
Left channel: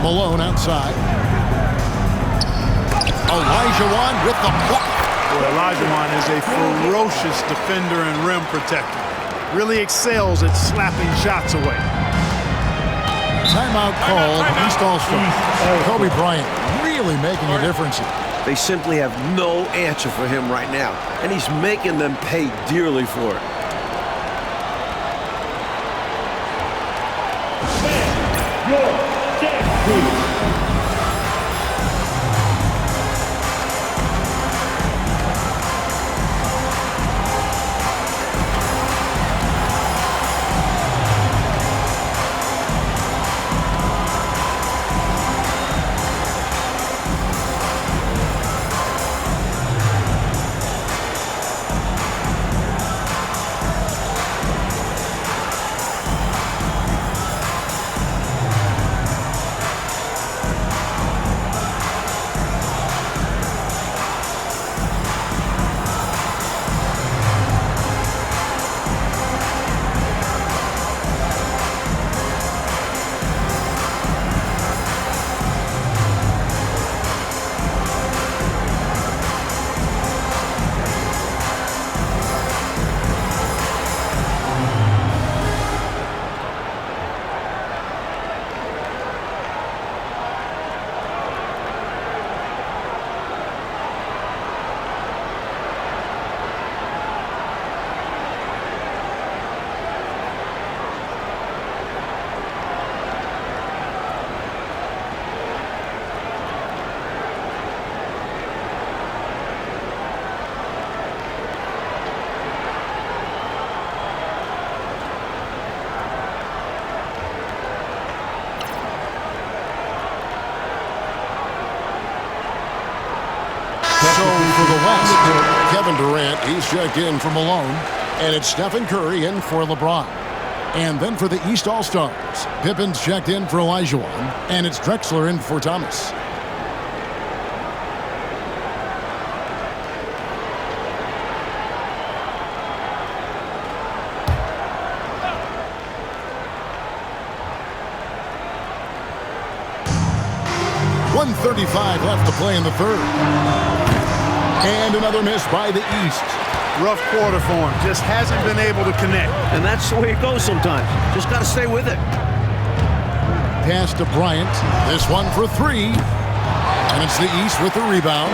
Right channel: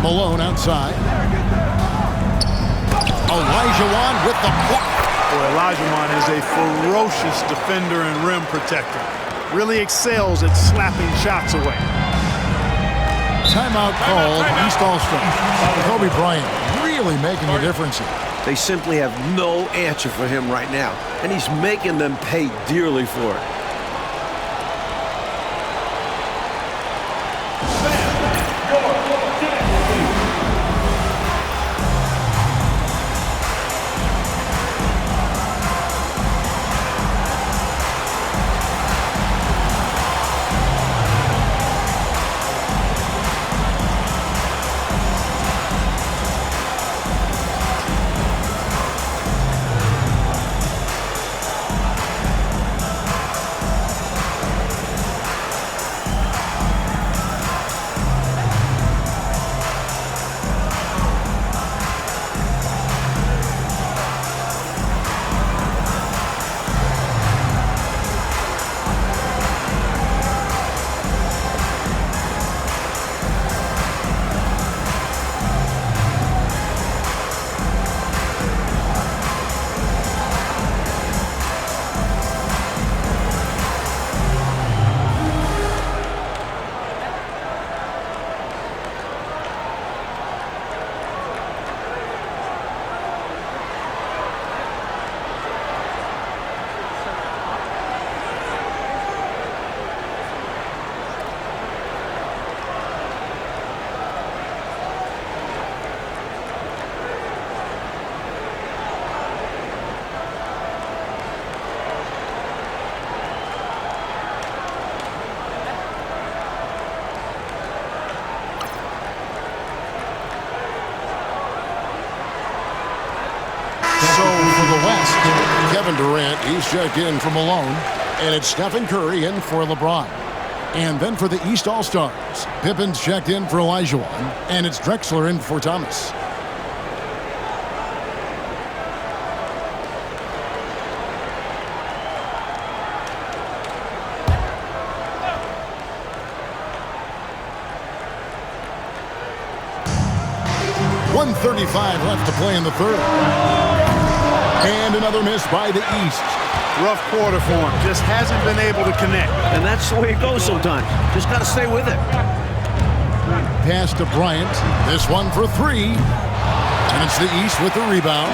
Malone outside. Olajuwon with the block. Boy, Olajuwon is a ferocious defender and rim protector. Really excels at slapping shots away. Timeout called. East All-Star. Kobe Bryant really making a difference here. They simply have no answer for him right now, and he's making them pay dearly for it. So for the West, Kevin Durant, he's checked in for Malone. And it's Stephen Curry in for LeBron. And then for the East All-Stars, Pippen's checked in for Olajuwon. And it's Drexler in for Thomas. .135 left to play in the third. And another miss by the East. Rough quarter for him. Just hasn't been able to connect. And that's the way it goes sometimes. Just got to stay with it. Pass to Bryant. This one for three. And it's the East with the rebound.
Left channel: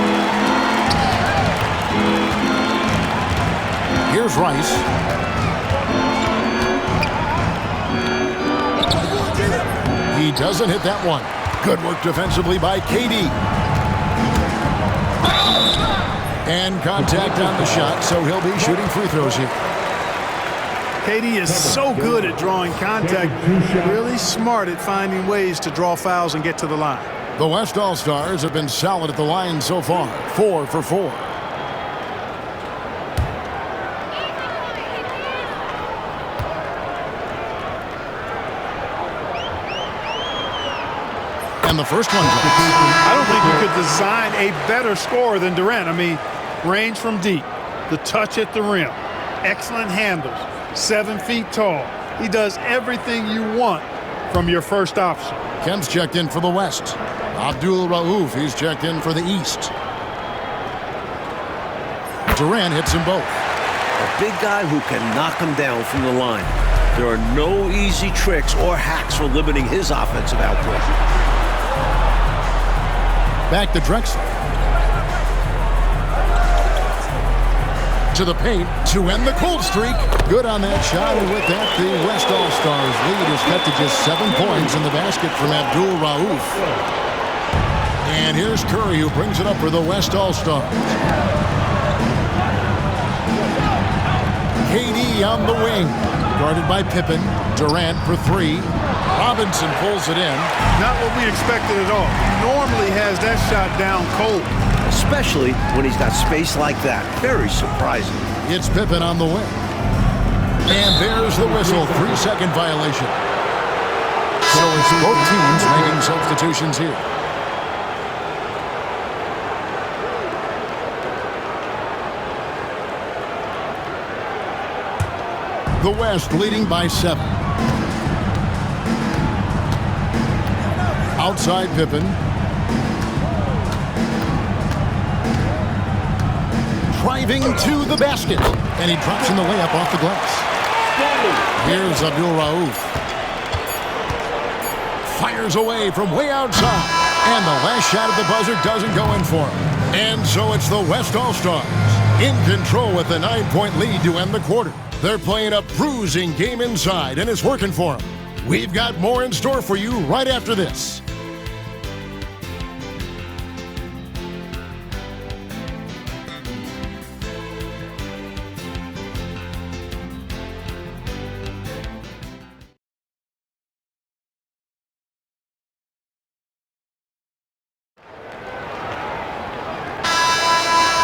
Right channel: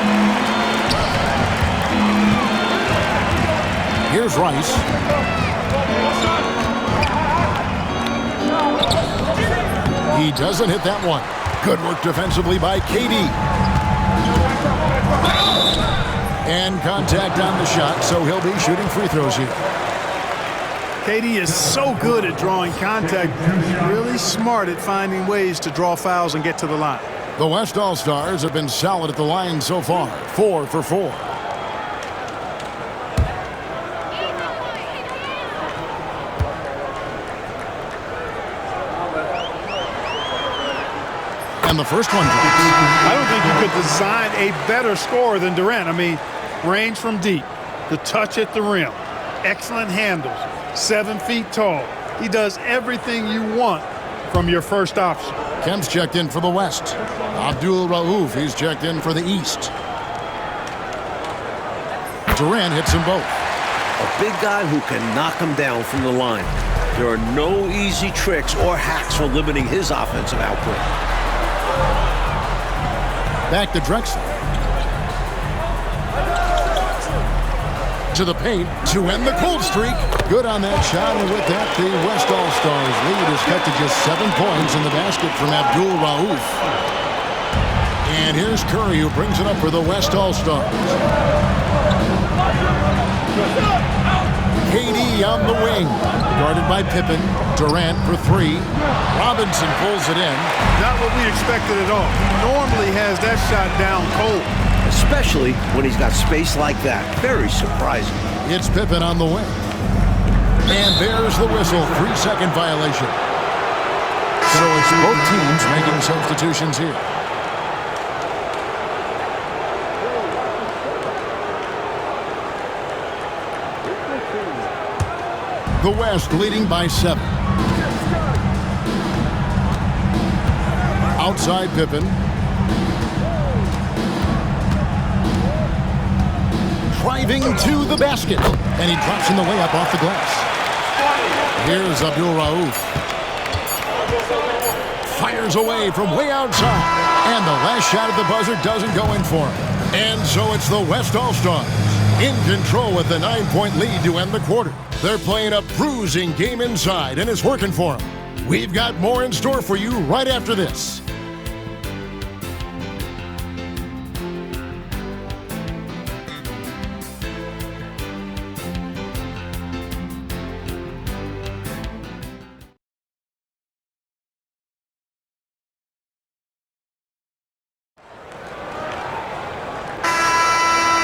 Here's Rice. He doesn't hit that one. Good work defensively by KD. And contact on the shot, so he'll be shooting free throws here. KD is so good at drawing contact, really smart at finding ways to draw fouls and get to the line. The West All-Stars have been solid at the line so far, 4 for 4. And the first one drops. I don't think you could design a better scorer than Durant. I mean, range from deep, the touch at the rim, excellent handles, 7 feet tall. He does everything you want from your first option. Kemp's checked in for the West. Abdul Rauf, he's checked in for the East. Durant hits them both. A big guy who can knock him down from the line. There are no easy tricks or hacks for limiting his offensive output. Back to Drexler. To the paint to end the cold streak. Good on that shot, and with that, the West All-Stars lead is cut to just 7 points in the basket from Abdul Rauf. And here's Curry, who brings it up for the West All-Stars. KD on the wing, guarded by Pippen. Durant for three. Robinson pulls it in. Not what we expected at all. He normally has that shot down cold. Especially when he's got space like that. Very surprising. It's Pippen on the wing. And there's the whistle. 3-second violation. So it's both teams making substitutions here. The West leading by 7. Outside Pippen. Driving to the basket. And he drops in the layup off the glass. Here's Abdul Rauf. Fires away from way outside. And the last shot at the buzzer doesn't go in for him. And so it's the West All-Stars in control with a 9-point lead to end the quarter. They're playing a bruising game inside, and it's working for them. We've got more in store for you right after this.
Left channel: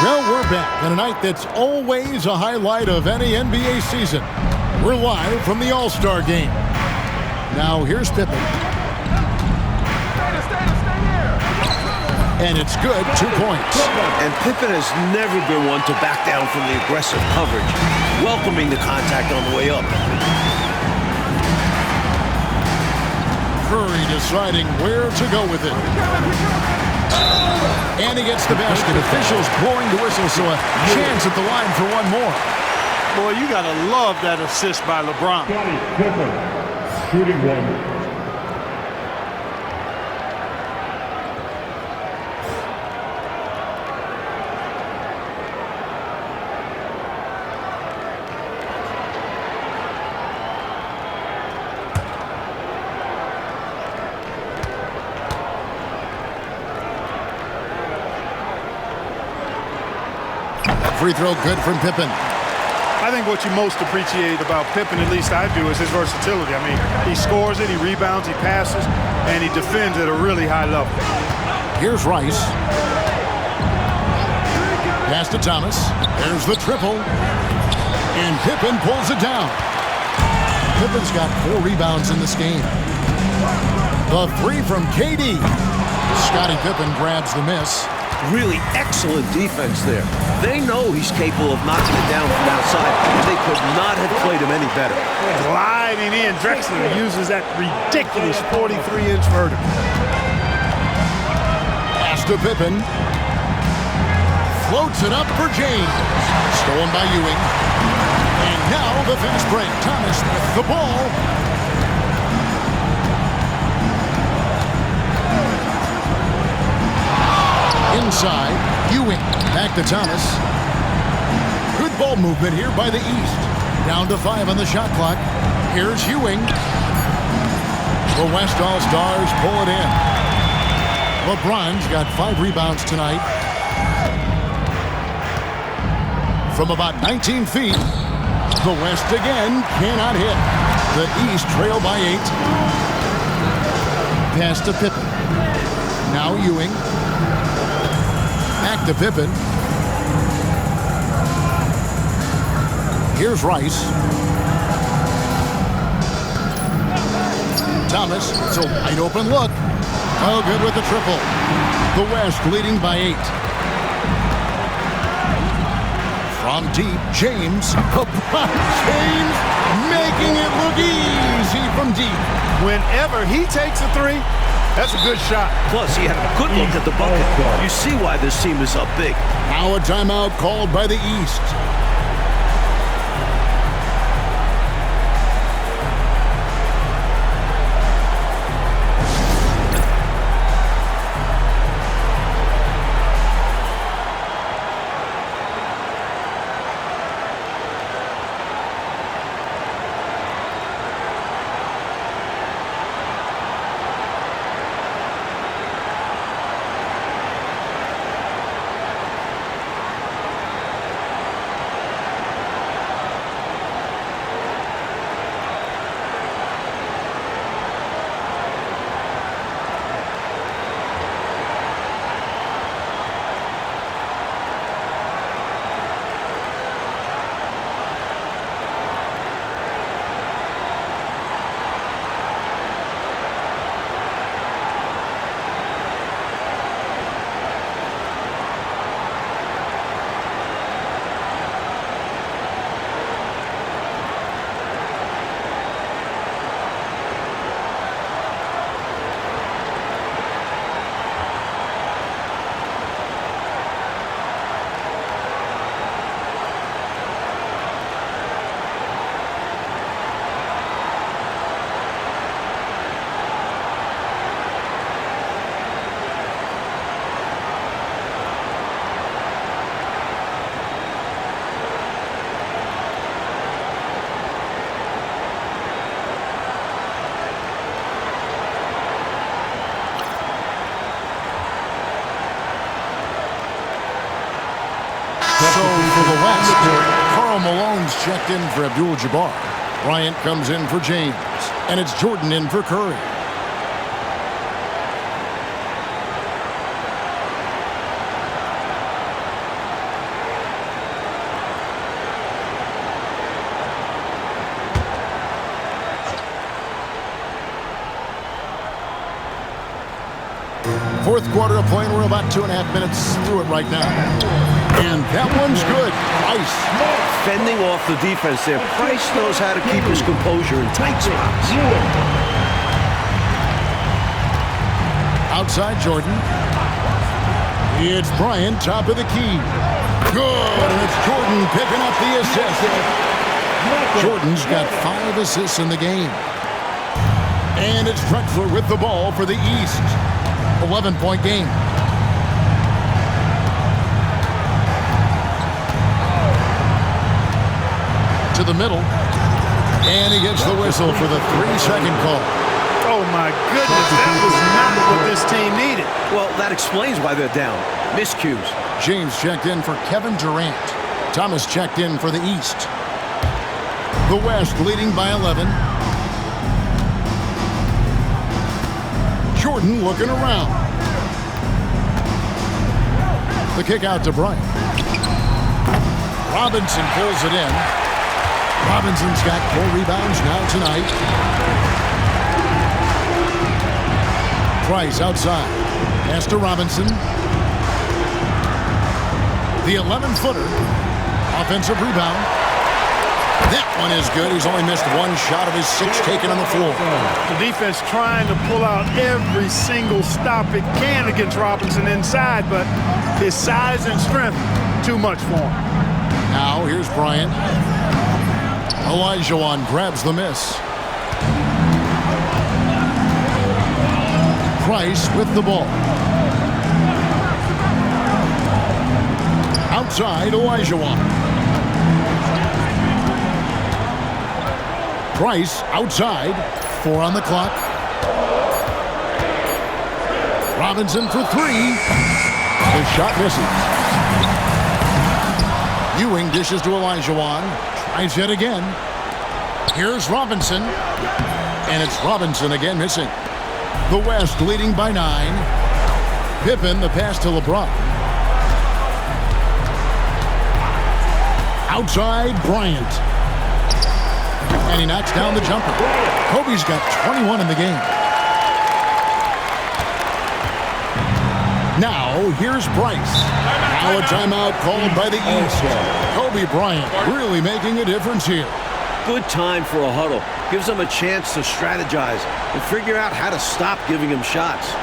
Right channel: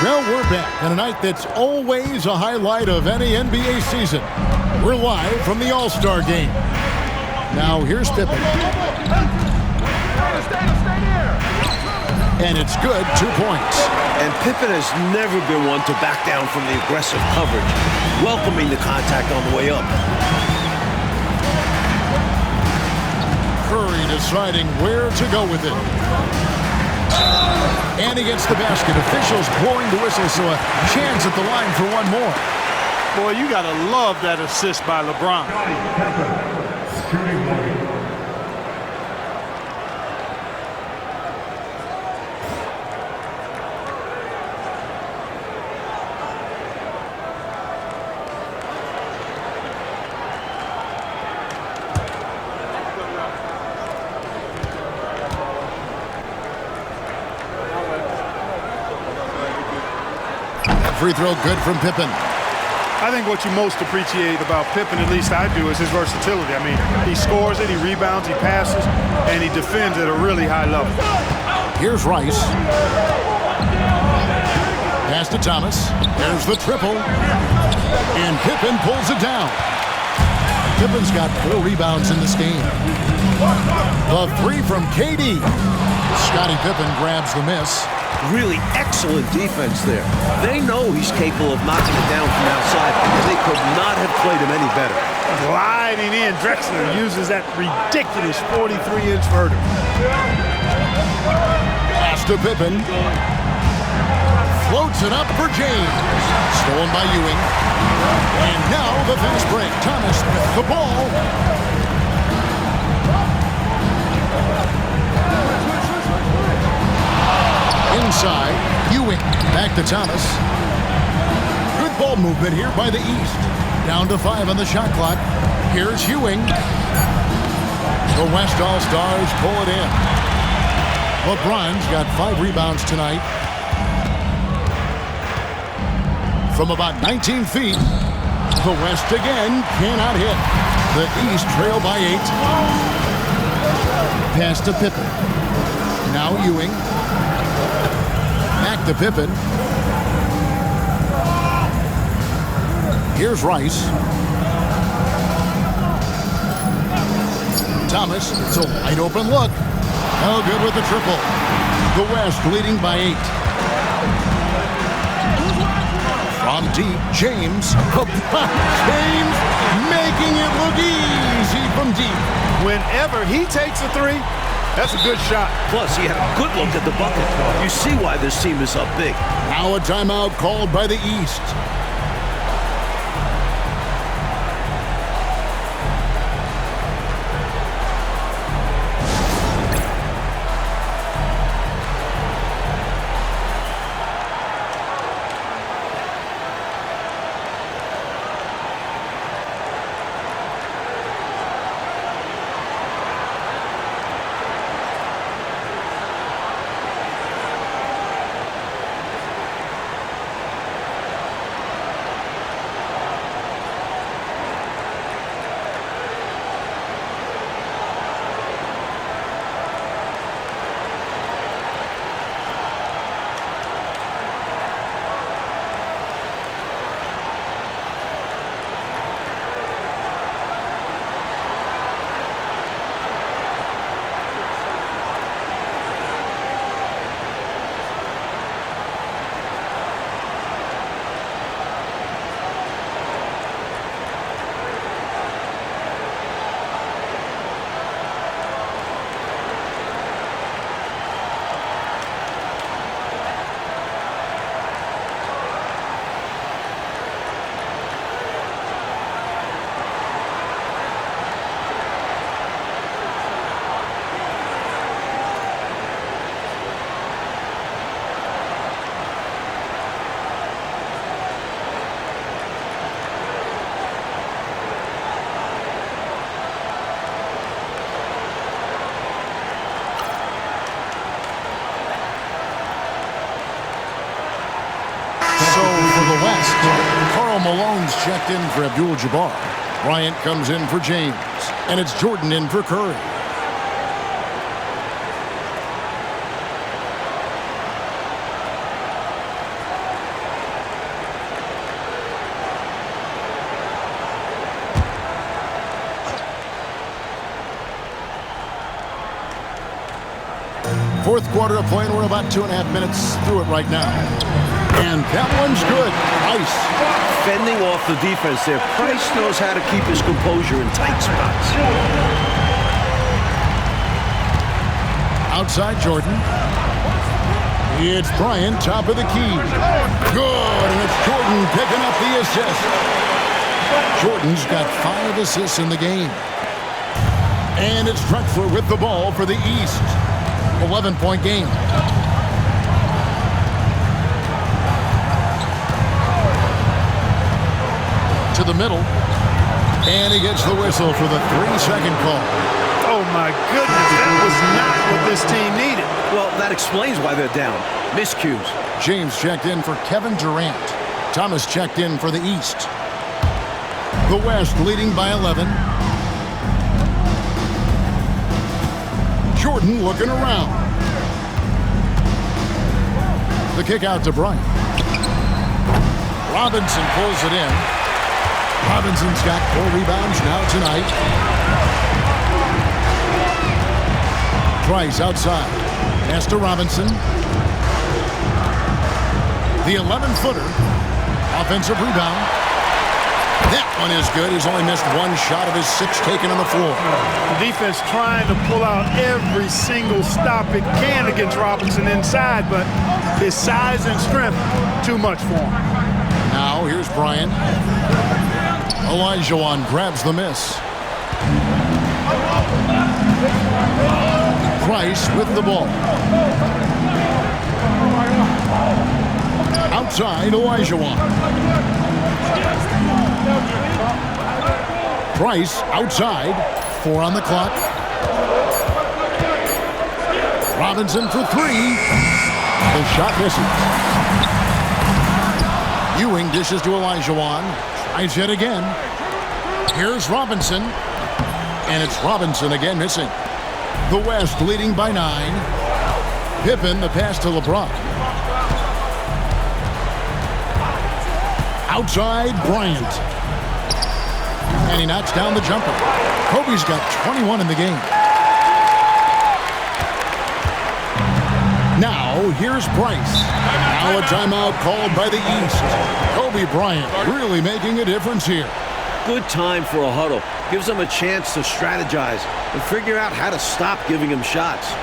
Well, we're back on a night that's always a highlight of any NBA season. We're live from the All-Star Game. Now, here's Pippen. And it's good, 2 points. And Pippen has never been one to back down from the aggressive coverage, welcoming the contact on the way up. Curry deciding where to go with it. And he gets the basket. Officials blowing the whistle, so a chance at the line for one more. Boy, you got to love that assist by LeBron. Shooting one. Free throw good from Pippen. I think what you most appreciate about Pippen, at least I do, is his versatility. I mean, he scores it, he rebounds, he passes, and he defends at a really high level. Here's Rice. Pass to Thomas. There's the triple. And Pippen pulls it down. Pippen's got 4 rebounds in this game. The 3 from KD. Scottie Pippen grabs the miss. Really excellent defense there. They know he's capable of knocking it down from outside, and they could not have played him any better. Gliding in, Drexler uses that ridiculous 43-inch vertical. Pass to Pippen. Floats it up for James. Stolen by Ewing. And now the fast break. Thomas with the ball. Inside, Ewing. Back to Thomas. Good ball movement here by the East. Down to 5 on the shot clock. Here's Ewing. The West All-Stars pull it in. LeBron's got 5 rebounds tonight. From about 19 feet, the West again cannot hit. The East trail by 8. Pass to Pippen. Now Ewing. Back to Pippen. Here's Rice. Thomas, it's a wide open look. Oh, good with the triple. The West leading by 8. From deep, James. James making it look easy from deep. Whenever he takes a 3, that's a good shot. Plus, he had a good look at the bucket. You see why this team is up big. Now a timeout called by the East. So for the West, Karl Malone's checked in for Abdul-Jabbar. Bryant comes in for James. And it's Jordan in for Curry. Fourth quarter of play, and we're about 2.5 minutes through it right now. And that one's good. Price. Fending off the defense there. Price knows how to keep his composure in tight spots. Outside Jordan. It's Bryant, top of the key. Good, and it's Jordan picking up the assist. Jordan's got 5 assists in the game. And it's Drexler with the ball for the East. 11-point game. To the middle. And he gets the whistle for the 3-second call. Oh, my goodness. That was not what this team needed. Well, that explains why they're down. Miscues. James checked in for Kevin Durant. Thomas checked in for the East. The West leading by 11. Jordan looking around. The kick out to Bryant. Robinson pulls it in. Robinson's got 4 rebounds now tonight. Price outside. Pass to Robinson. The 11-footer. Offensive rebound. That one is good. He's only missed 1 shot of his 6 taken on the floor. The defense trying to pull out every single stop it can against Robinson inside, but his size and strength, too much for him. Now here's Bryant. Olajuwon grabs the miss. Price with the ball. Outside, Olajuwon. Price outside. 4 on the clock. Robinson for 3. The shot misses. Ewing dishes to Olajuwon. Tries yet again. Here's Robinson. And it's Robinson again missing. The West leading by 9. Pippen the pass to LeBron. Outside Bryant. And he knocks down the jumper. Kobe's got 21 in the game. Now here's Price. Now a timeout called by the East. Kobe Bryant really making a difference here. Good time for a huddle. Gives them a chance to strategize and figure out how to stop giving him shots.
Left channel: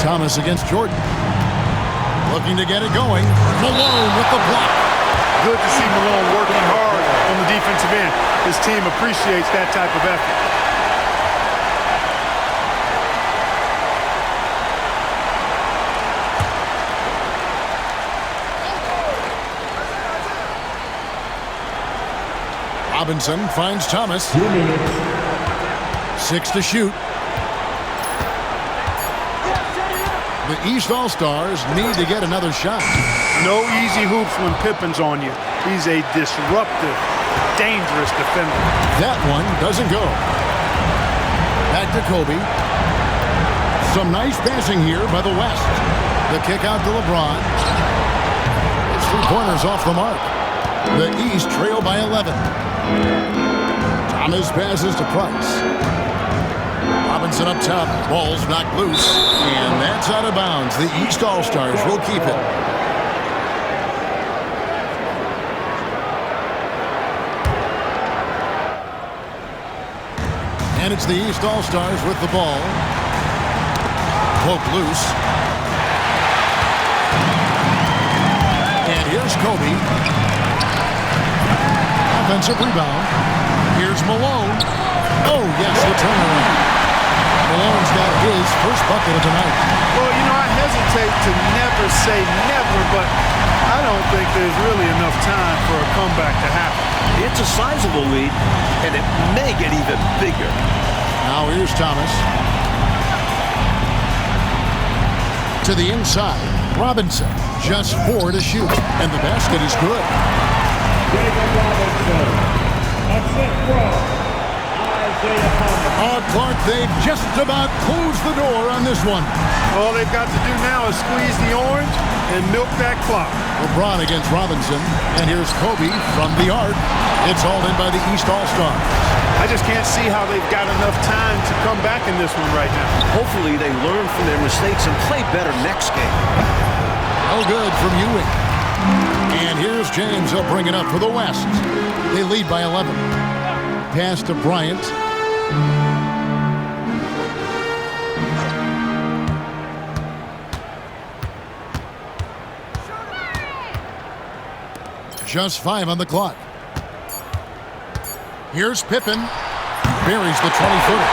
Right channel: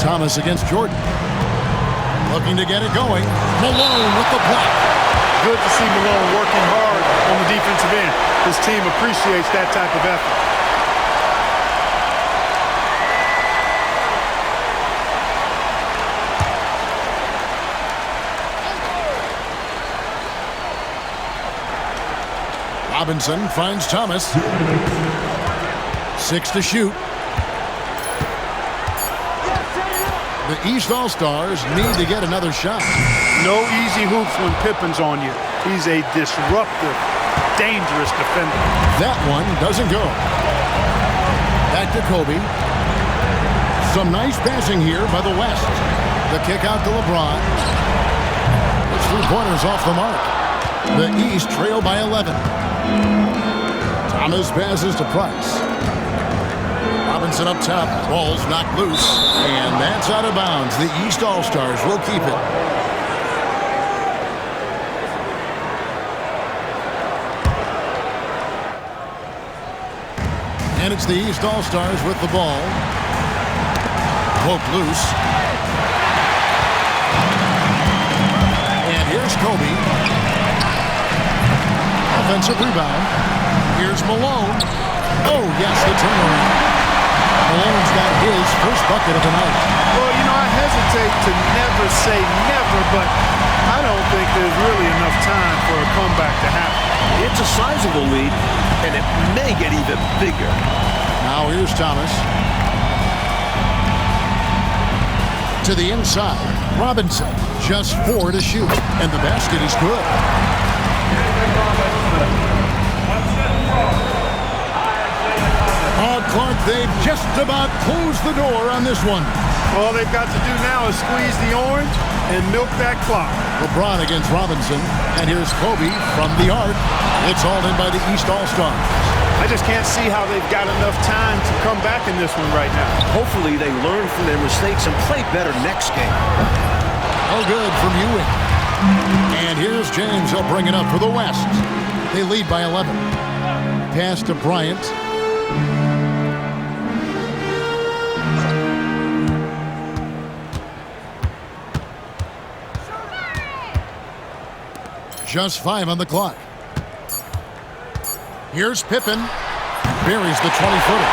Thomas against Jordan. Looking to get it going. Malone with the block. Good to see Malone working hard on the defensive end. His team appreciates that type of effort. Robinson finds Thomas. 6 to shoot. The East All-Stars need to get another shot. No easy hoops when Pippen's on you. He's a disruptive, dangerous defender. That one doesn't go. Back to Kobe. Some nice passing here by the West. The kick out to LeBron. His 3-pointers off the mark. The East trail by 11. Thomas passes to Price. Robinson up top. Ball's knocked loose. And that's out of bounds. The East All-Stars will keep it. And it's the East All-Stars with the ball. Poked loose. And here's Kobe. Offensive rebound. Here's Malone. Oh, yes, the turnaround. Malone's got his first bucket of the night. Well, you know, I hesitate to never say never, but I don't think there's really enough time for a comeback to happen. It's a sizable lead, and it may get even bigger. Now here's Thomas. To the inside, Robinson. Just 4 to shoot, and the basket is good. Oh, Clark, they've just about closed the door on this one. All they've got to do now is squeeze the orange and milk that clock. LeBron against Robinson, and here's Kobe from the arc. It's all in by the East All-Stars. I just can't see how they've got enough time to come back in this one right now. Hopefully they learn from their mistakes and play better next game. No good from Ewing. And here's James. He'll bring it up for the West. They lead by 11. Pass to Bryant. Just 5 on the clock. Here's Pippen. Buries the 20-footer.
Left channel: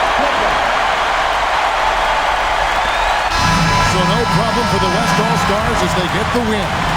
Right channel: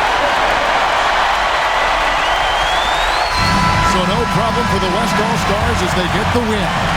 So no problem for the West All-Stars as they get the win.